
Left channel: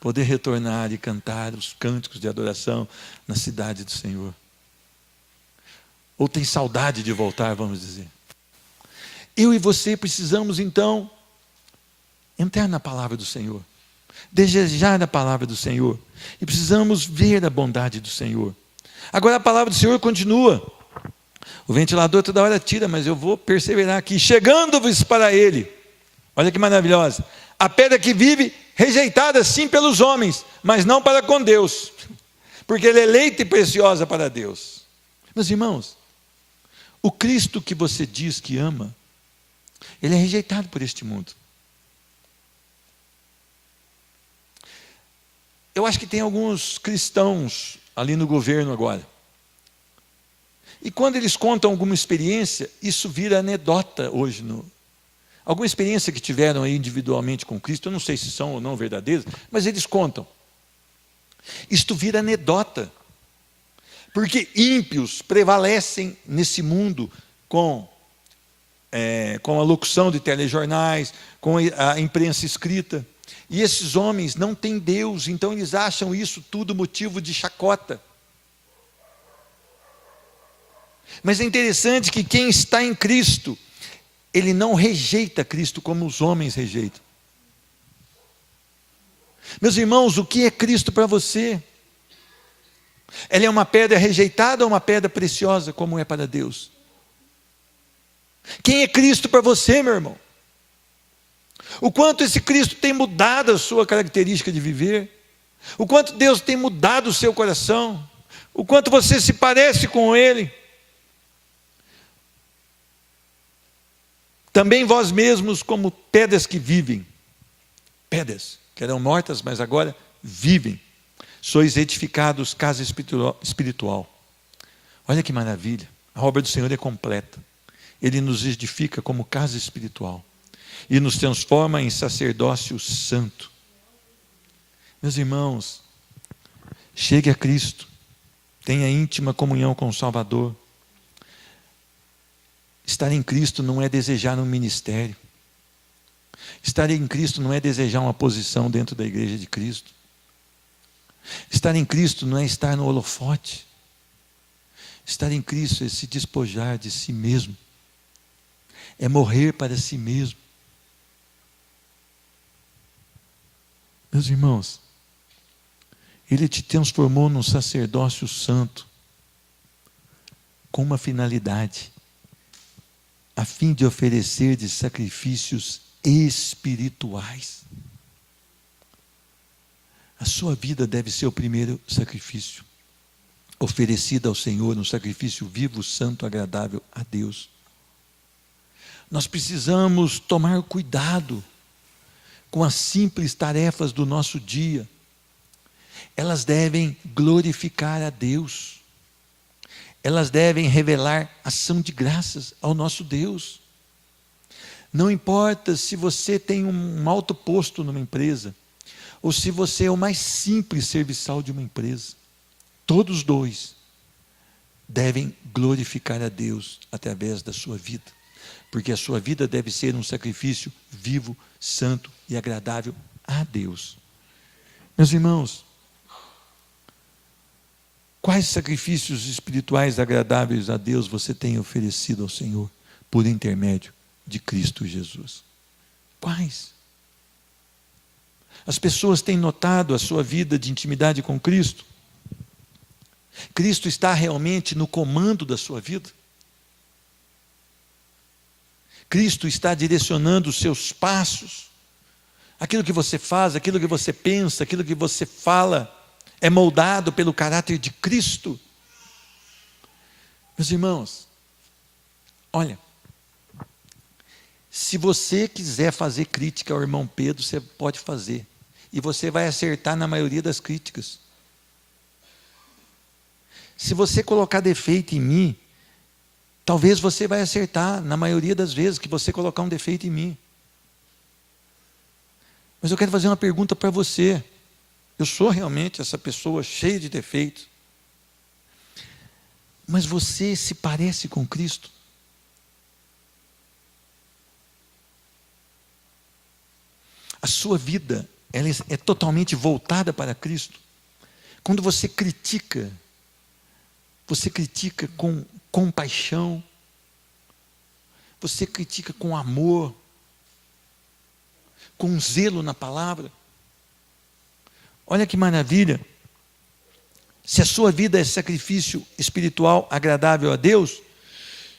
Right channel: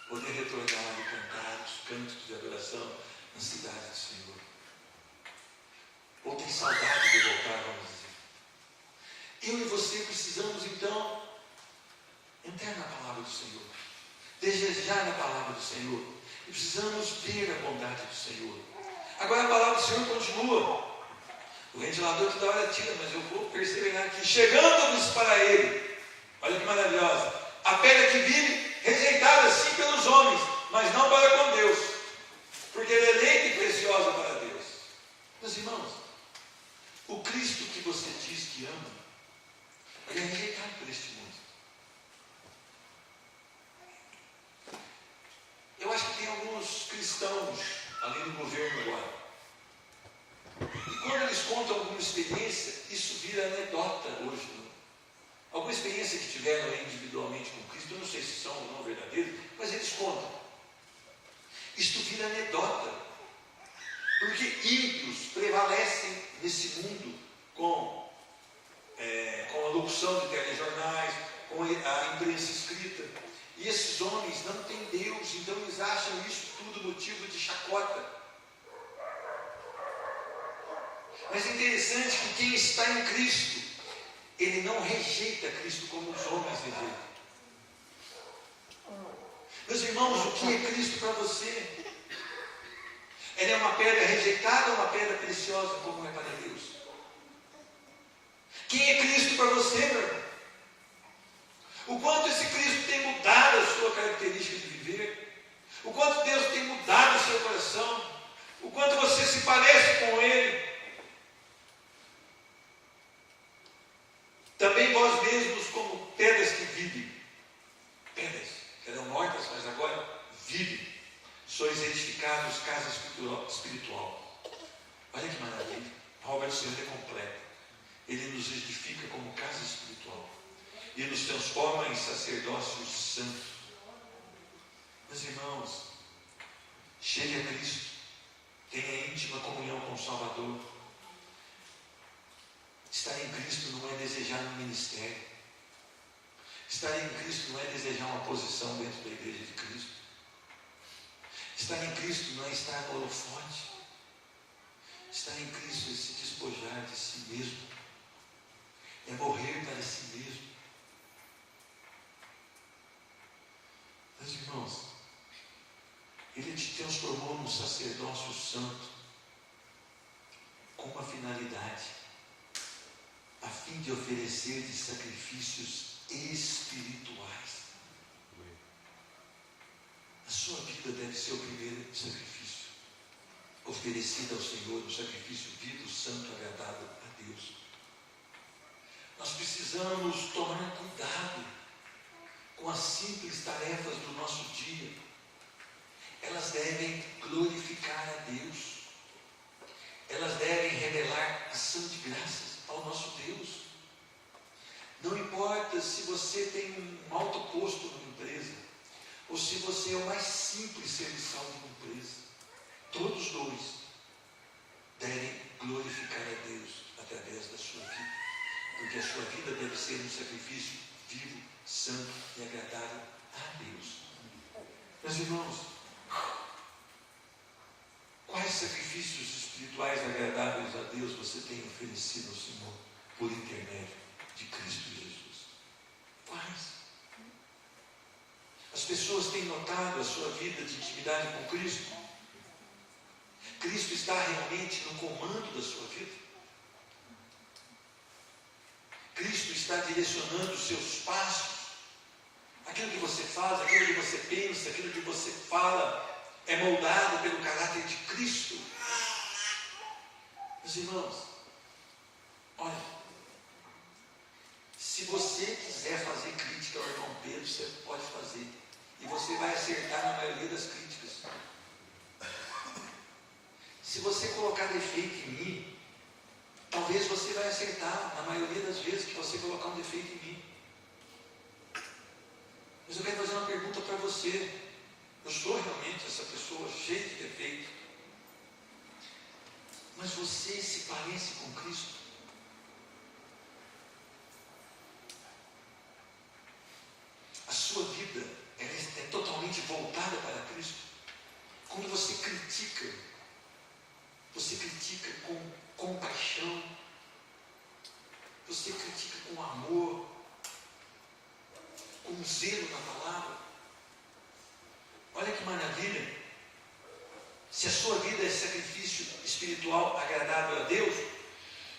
poder retornar e cantar os cânticos de adoração na cidade do Senhor. Ou tem saudade de voltar, vamos dizer. Eu e você precisamos então entrar na palavra do Senhor, desejar a palavra do Senhor, e precisamos ver a bondade do Senhor. Agora a palavra do Senhor continua. O ventilador toda hora tira, mas eu vou perseverar aqui. Chegando-vos para Ele, olha que maravilhosa, a pedra que vive, rejeitada sim pelos homens, mas não para com Deus, porque Ele é eleita e preciosa para Deus. Meus irmãos, o Cristo que você diz que ama, Ele é rejeitado por este mundo. Eu acho que tem alguns cristãos ali no governo agora, e quando eles contam alguma experiência, isso vira anedota hoje. Alguma experiência que tiveram aí individualmente com Cristo, eu não sei se são ou não verdadeiras, mas eles contam. Isto vira anedota, porque ímpios prevalecem nesse mundo com com a locução de telejornais, com a imprensa escrita. E esses homens não têm Deus, então eles acham isso tudo motivo de chacota. Mas é interessante que quem está em Cristo, ele não rejeita Cristo como os homens rejeitam. Meus irmãos, o que é Cristo para você? Ele é uma pedra rejeitada ou uma pedra preciosa, como é para Deus? Quem é Cristo para você, meu irmão? O quanto esse Cristo tem mudado a sua característica de viver, o quanto Deus tem mudado o seu coração, o quanto você se parece com Ele. Também vós mesmos, como pedras que vivem, pedras que eram mortas, mas agora vivem, sois edificados casa espiritual. Olha que maravilha, a obra do Senhor é completa. Ele nos edifica como casa espiritual e nos transforma em sacerdócio santo. Meus irmãos, chegue a Cristo, tenha íntima comunhão com o Salvador. Estar em Cristo não é desejar um ministério. Estar em Cristo não é desejar uma posição dentro da igreja de Cristo. Estar em Cristo não é estar no holofote. Estar em Cristo é se despojar de si mesmo, é morrer para si mesmo. Meus irmãos, Ele te transformou num sacerdócio santo, com uma finalidade, a fim de oferecer de sacrifícios espirituais. A sua vida deve ser o primeiro sacrifício, oferecido ao Senhor, um sacrifício vivo, santo, agradável a Deus. Nós precisamos tomar cuidado com as simples tarefas do nosso dia. Elas devem glorificar a Deus. Elas devem revelar ação de graças ao nosso Deus. Não importa se você tem um alto posto numa empresa, ou se você é o mais simples serviçal de uma empresa, todos dois devem glorificar a Deus através da sua vida, porque a sua vida deve ser um sacrifício vivo, santo e agradável a Deus. Meus irmãos, quais sacrifícios espirituais agradáveis a Deus você tem oferecido ao Senhor por intermédio de Cristo Jesus? Quais? As pessoas têm notado a sua vida de intimidade com Cristo? Cristo está realmente no comando da sua vida? Cristo está direcionando os seus passos? Aquilo que você faz, aquilo que você pensa, aquilo que você fala, é moldado pelo caráter de Cristo? Meus irmãos, olha, se você quiser fazer crítica ao irmão Pedro, você pode fazer, e você vai acertar na maioria das críticas. Se você colocar defeito em mim, talvez você vai acertar na maioria das vezes que você colocar um defeito em mim. Mas eu quero fazer uma pergunta para você. Eu sou realmente essa pessoa cheia de defeitos, mas você se parece com Cristo? A sua vida, ela é totalmente voltada para Cristo? Quando você critica com compaixão, você critica com amor, com zelo na palavra? Olha que maravilha. Se a sua vida é sacrifício espiritual agradável a Deus,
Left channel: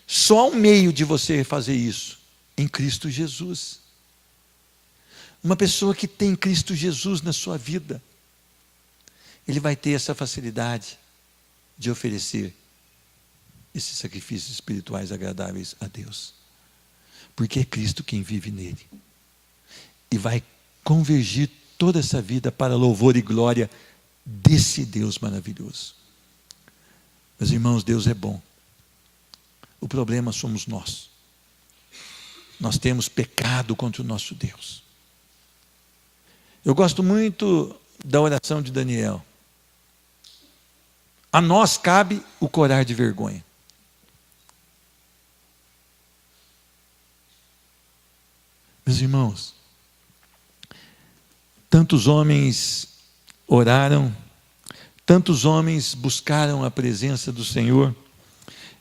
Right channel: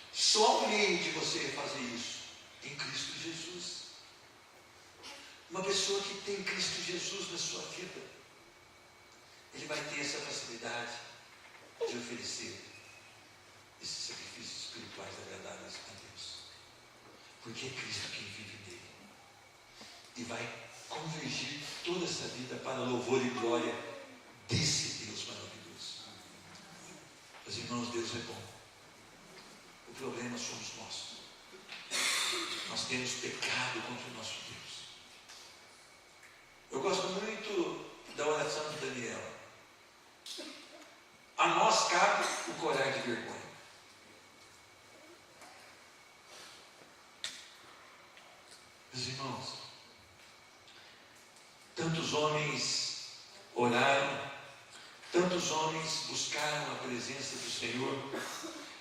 só há um meio de você fazer isso: em Cristo Jesus. Uma pessoa que tem Cristo Jesus na sua vida, ele vai ter essa facilidade de oferecer esses sacrifícios espirituais agradáveis a Deus, porque é Cristo quem vive nele, e vai convergir toda essa vida para louvor e glória desse Deus maravilhoso. Meus irmãos, Deus é bom. O problema somos nós. Nós temos pecado contra o nosso Deus. Eu gosto muito da oração de Daniel. A nós cabe o corar de vergonha. Meus irmãos, tantos homens oraram, tantos homens buscaram a presença do Senhor,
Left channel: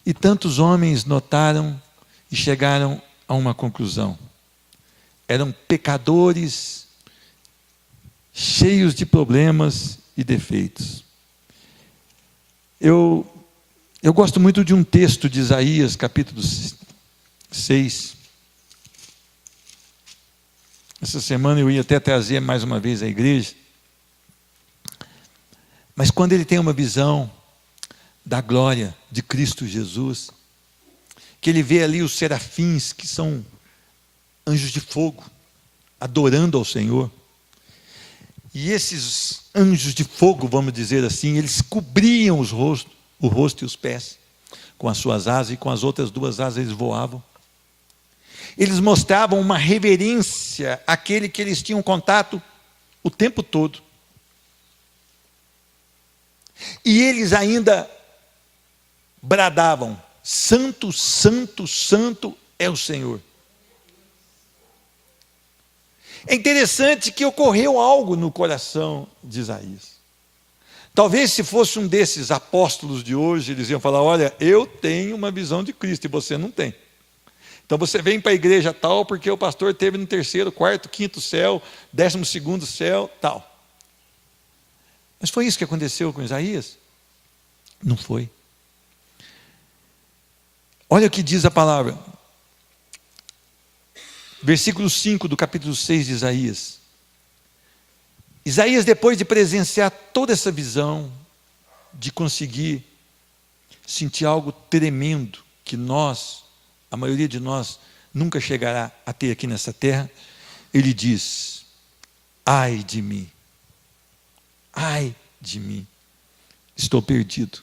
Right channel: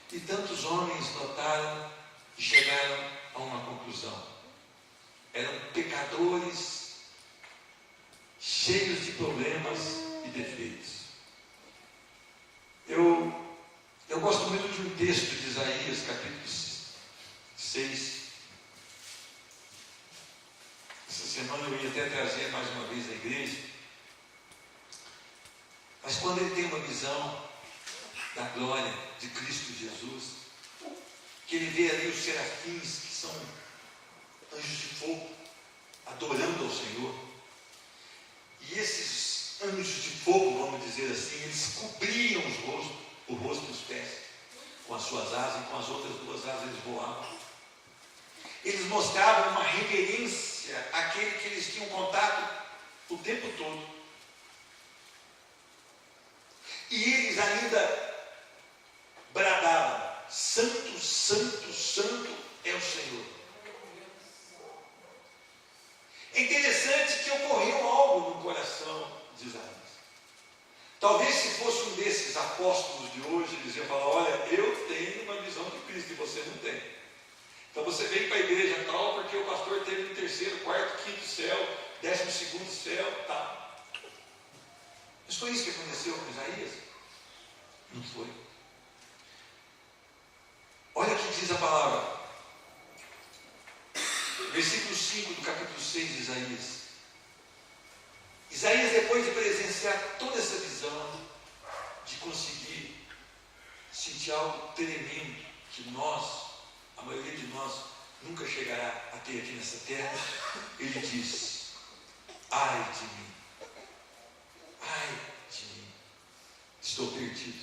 e tantos homens notaram e chegaram a uma conclusão: eram pecadores, cheios de problemas e defeitos. Eu gosto muito de um texto de Isaías, capítulo 6. Essa semana eu ia até trazer mais uma vez à igreja, mas quando ele tem uma visão da glória de Cristo Jesus, que ele vê ali os serafins, que são anjos de fogo, adorando ao Senhor, e esses anjos de fogo, vamos dizer assim, eles cobriam o rosto e os pés com as suas asas, e com as outras duas asas eles voavam. Eles mostravam uma reverência àquele que eles tinham contato o tempo todo. E eles ainda bradavam: santo, santo, santo é o Senhor. É interessante que ocorreu algo no coração de Isaías. Talvez se fosse um desses apóstolos de hoje, eles iam falar: olha, eu tenho uma visão de Cristo e você não tem. Então você vem para a igreja tal, porque o pastor esteve no 3º, 4º, 5º céu, 12º céu, tal. Mas foi isso que aconteceu com Isaías? Não foi. Olha o que diz a palavra, versículo 5 do capítulo 6 de Isaías. Isaías, depois de presenciar toda essa visão, de conseguir sentir algo tremendo, que a maioria de nós, nunca chegará a ter aqui nessa terra, ele diz: ai de mim, estou perdido.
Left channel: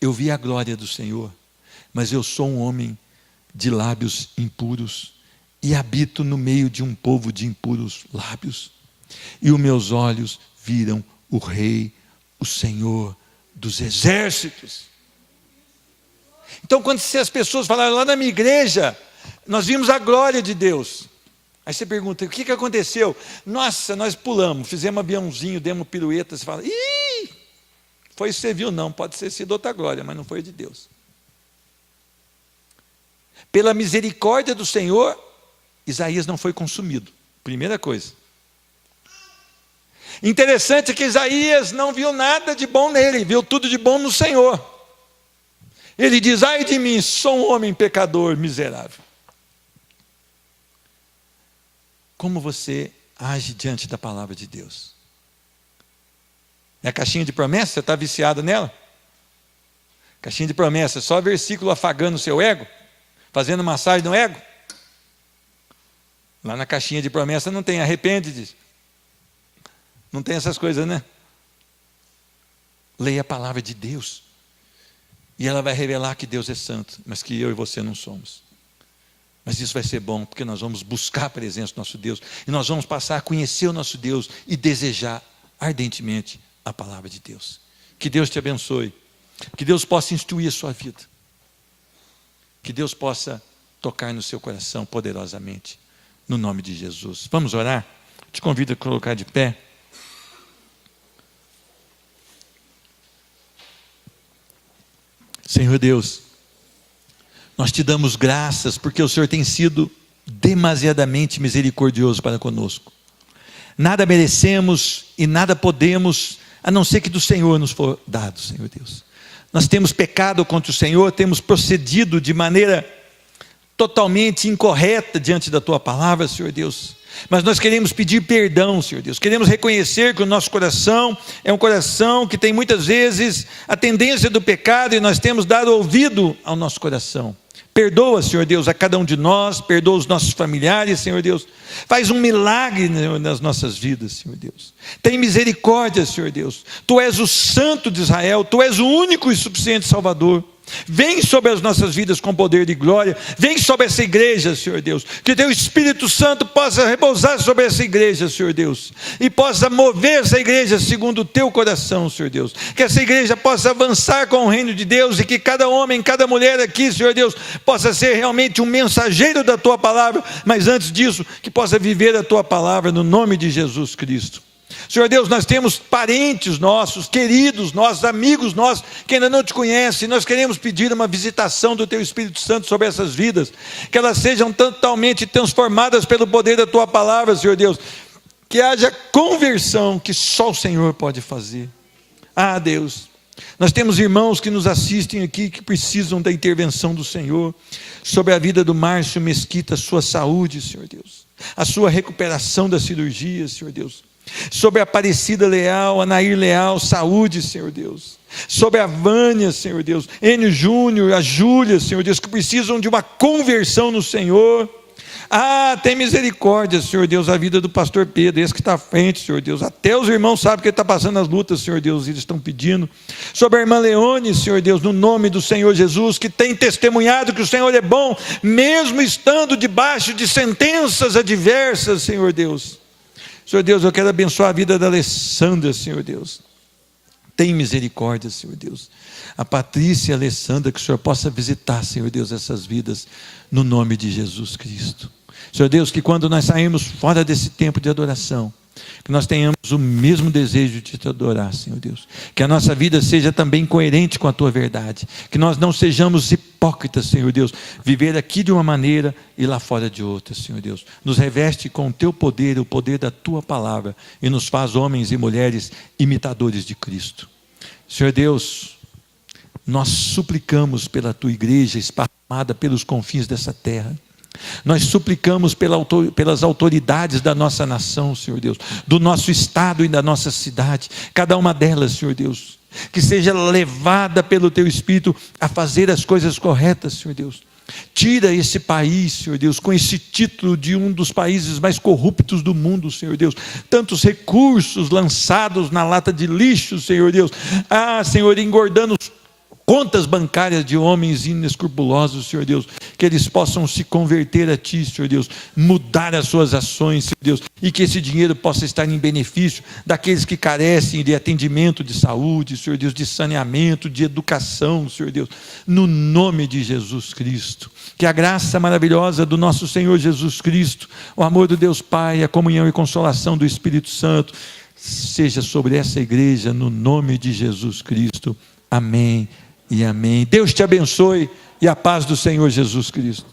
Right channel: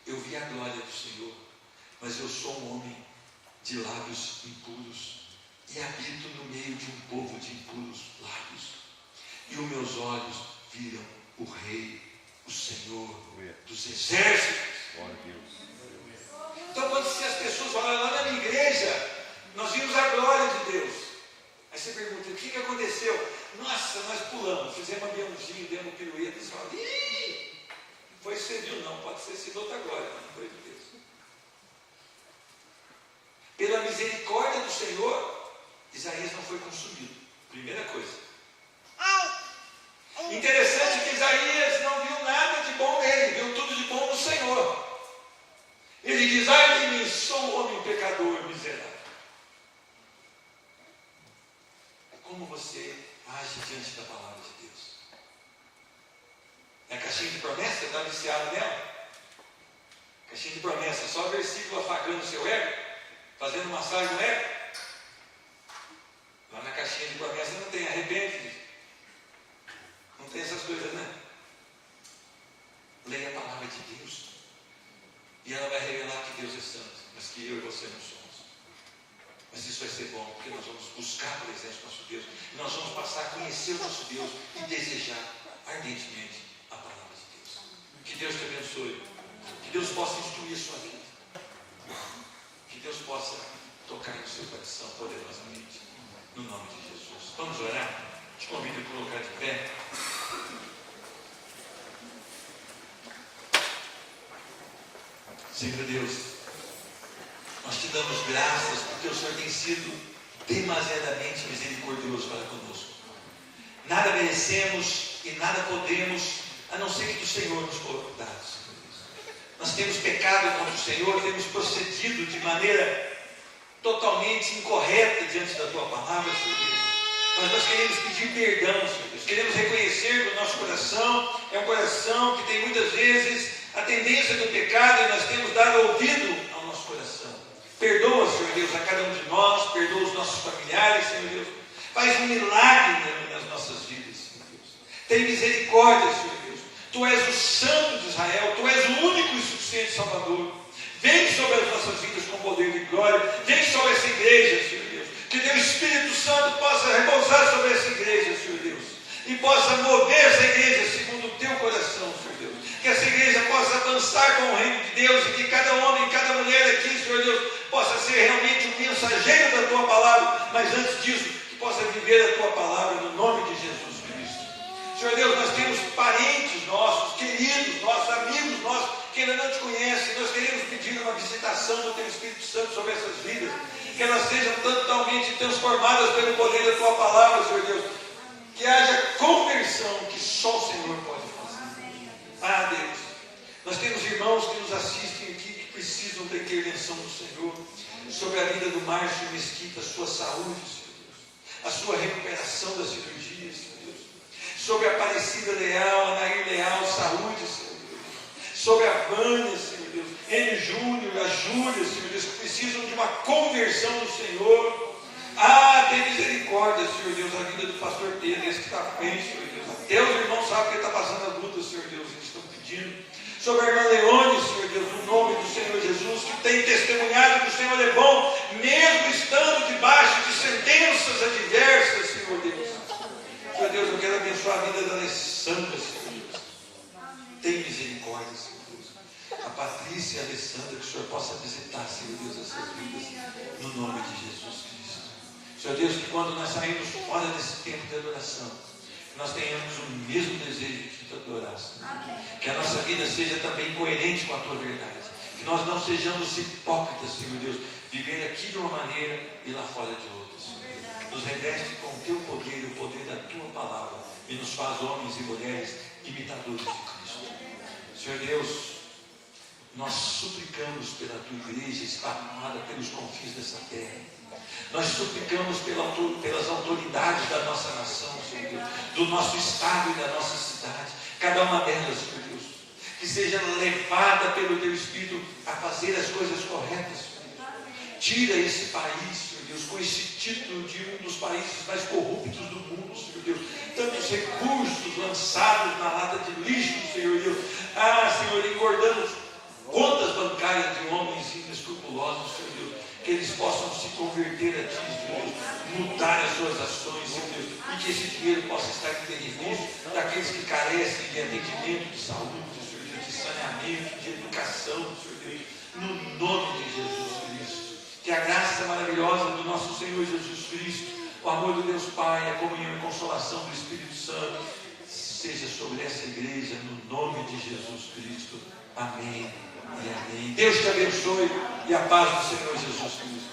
Eu vi a glória do Senhor, mas eu sou um homem de lábios impuros, e habito no meio de um povo de impuros lábios, e os meus olhos viram o Rei, o Senhor dos exércitos. Então, quando as pessoas falaram: lá na minha igreja, nós vimos a glória de Deus. Aí você pergunta: o que aconteceu? Nossa, nós pulamos, fizemos aviãozinho, demos pirueta. Você fala: ih, foi isso que você viu? Não, pode ter sido outra glória, mas não foi de Deus. Pela misericórdia do Senhor, Isaías não foi consumido. Primeira coisa. Interessante que Isaías não viu nada de bom nele, viu tudo de bom no Senhor. Ele diz: ai de mim, sou um homem pecador, miserável. Como você age diante da palavra de Deus? É a caixinha de promessa? Você está viciado nela? Caixinha de promessa, só versículo afagando o seu ego, fazendo massagem no ego. Lá na caixinha de promessa não tem arrepende-te, não tem essas coisas, né? Leia a palavra de Deus, e ela vai revelar que Deus é santo, mas que eu e você não somos. Mas isso vai ser bom, porque nós vamos buscar a presença do nosso Deus, e nós vamos passar a conhecer o nosso Deus e desejar ardentemente a palavra de Deus. Que Deus te abençoe, que Deus possa instruir a sua vida, que Deus possa tocar no seu coração poderosamente, no nome de Jesus. Vamos orar? Te convido a colocar de pé. Senhor Deus, nós te damos graças, porque o Senhor tem sido demasiadamente misericordioso para conosco. Nada merecemos e nada podemos, a não ser que do Senhor nos for dado, Senhor Deus. Nós temos pecado contra o Senhor, temos procedido de maneira totalmente incorreta diante da Tua palavra, Senhor Deus. Mas nós queremos pedir perdão, Senhor Deus. Queremos reconhecer que o nosso coração é um coração que tem muitas vezes a tendência do pecado, e nós temos dado ouvido ao nosso coração. Perdoa, Senhor Deus, a cada um de nós, perdoa os nossos familiares, Senhor Deus. Faz um milagre nas nossas vidas, Senhor Deus. Tem misericórdia, Senhor Deus. Tu és o Santo de Israel, Tu és o único e suficiente Salvador. Vem sobre as nossas vidas com poder de glória. Vem sobre essa igreja, Senhor Deus. Que teu Espírito Santo possa repousar sobre essa igreja, Senhor Deus, e possa mover essa igreja segundo o teu coração, Senhor Deus. Que essa igreja possa avançar com o reino de Deus, e que cada homem, cada mulher aqui, Senhor Deus, possa ser realmente um mensageiro da tua palavra, mas antes disso, que possa viver a tua palavra no nome de Jesus Cristo. Senhor Deus, nós temos parentes nossos, queridos nossos, amigos nossos, que ainda não te conhecem. Nós queremos pedir uma visitação do teu Espírito Santo sobre essas vidas, que elas sejam totalmente transformadas pelo poder da tua palavra, Senhor Deus, que haja conversão que só o Senhor pode fazer. Ah, Deus, nós temos irmãos que nos assistem aqui, que precisam da intervenção do Senhor, sobre a vida do Márcio Mesquita, a sua saúde, Senhor Deus, a sua recuperação da cirurgia, Senhor Deus, sobre a Aparecida Leal, a Nair Leal, saúde, Senhor Deus, sobre a Vânia, Senhor Deus, Enio Júnior, a Júlia, Senhor Deus, que precisam de uma conversão no Senhor. Ah, tem misericórdia, Senhor Deus, a vida do pastor Pedro, esse que está à frente, Senhor Deus, até os irmãos sabem que ele está passando as lutas, Senhor Deus, eles estão pedindo. Sobre a irmã Leone, Senhor Deus, no nome do Senhor Jesus, que tem testemunhado que o Senhor é bom, mesmo estando debaixo de sentenças adversas, Senhor Deus. Senhor Deus, eu quero abençoar a vida da Alessandra, Senhor Deus. Tem misericórdia, Senhor Deus. A Patrícia e a Alessandra, que o Senhor possa visitar, Senhor Deus, essas vidas, no nome de Jesus Cristo. Senhor Deus, que quando nós saímos fora desse tempo de adoração, que nós tenhamos o mesmo desejo de te adorar, Senhor Deus. Que a nossa vida seja também coerente com a tua verdade. Que nós não sejamos hipócritas, Senhor Deus. Viver aqui de uma maneira e lá fora de outra, Senhor Deus. Nos reveste com o teu poder, o poder da tua palavra, e nos faz homens e mulheres imitadores de Cristo. Senhor Deus, nós suplicamos pela tua igreja esparramada pelos confins dessa terra. Nós suplicamos pelas autoridades da nossa nação, Senhor Deus, do nosso estado e da nossa cidade, cada uma delas, Senhor Deus, que seja levada pelo teu Espírito a fazer as coisas corretas, Senhor Deus. Tira esse país, Senhor Deus, com esse título de um dos países mais corruptos do mundo, Senhor Deus. Tantos recursos lançados na lata de lixo, Senhor Deus. Ah, Senhor, engordando contas bancárias de homens inescrupulosos, Senhor Deus, que eles possam se converter a Ti, Senhor Deus, mudar as suas ações, Senhor Deus, e que esse dinheiro possa estar em benefício daqueles que carecem de atendimento de saúde, Senhor Deus, de saneamento, de educação, Senhor Deus, no nome de Jesus Cristo. Que a graça maravilhosa do nosso Senhor Jesus Cristo, o amor do Deus Pai, a comunhão e consolação do Espírito Santo, seja sobre essa igreja, no nome de Jesus Cristo. Amém e amém. Deus te abençoe e a paz do Senhor Jesus Cristo.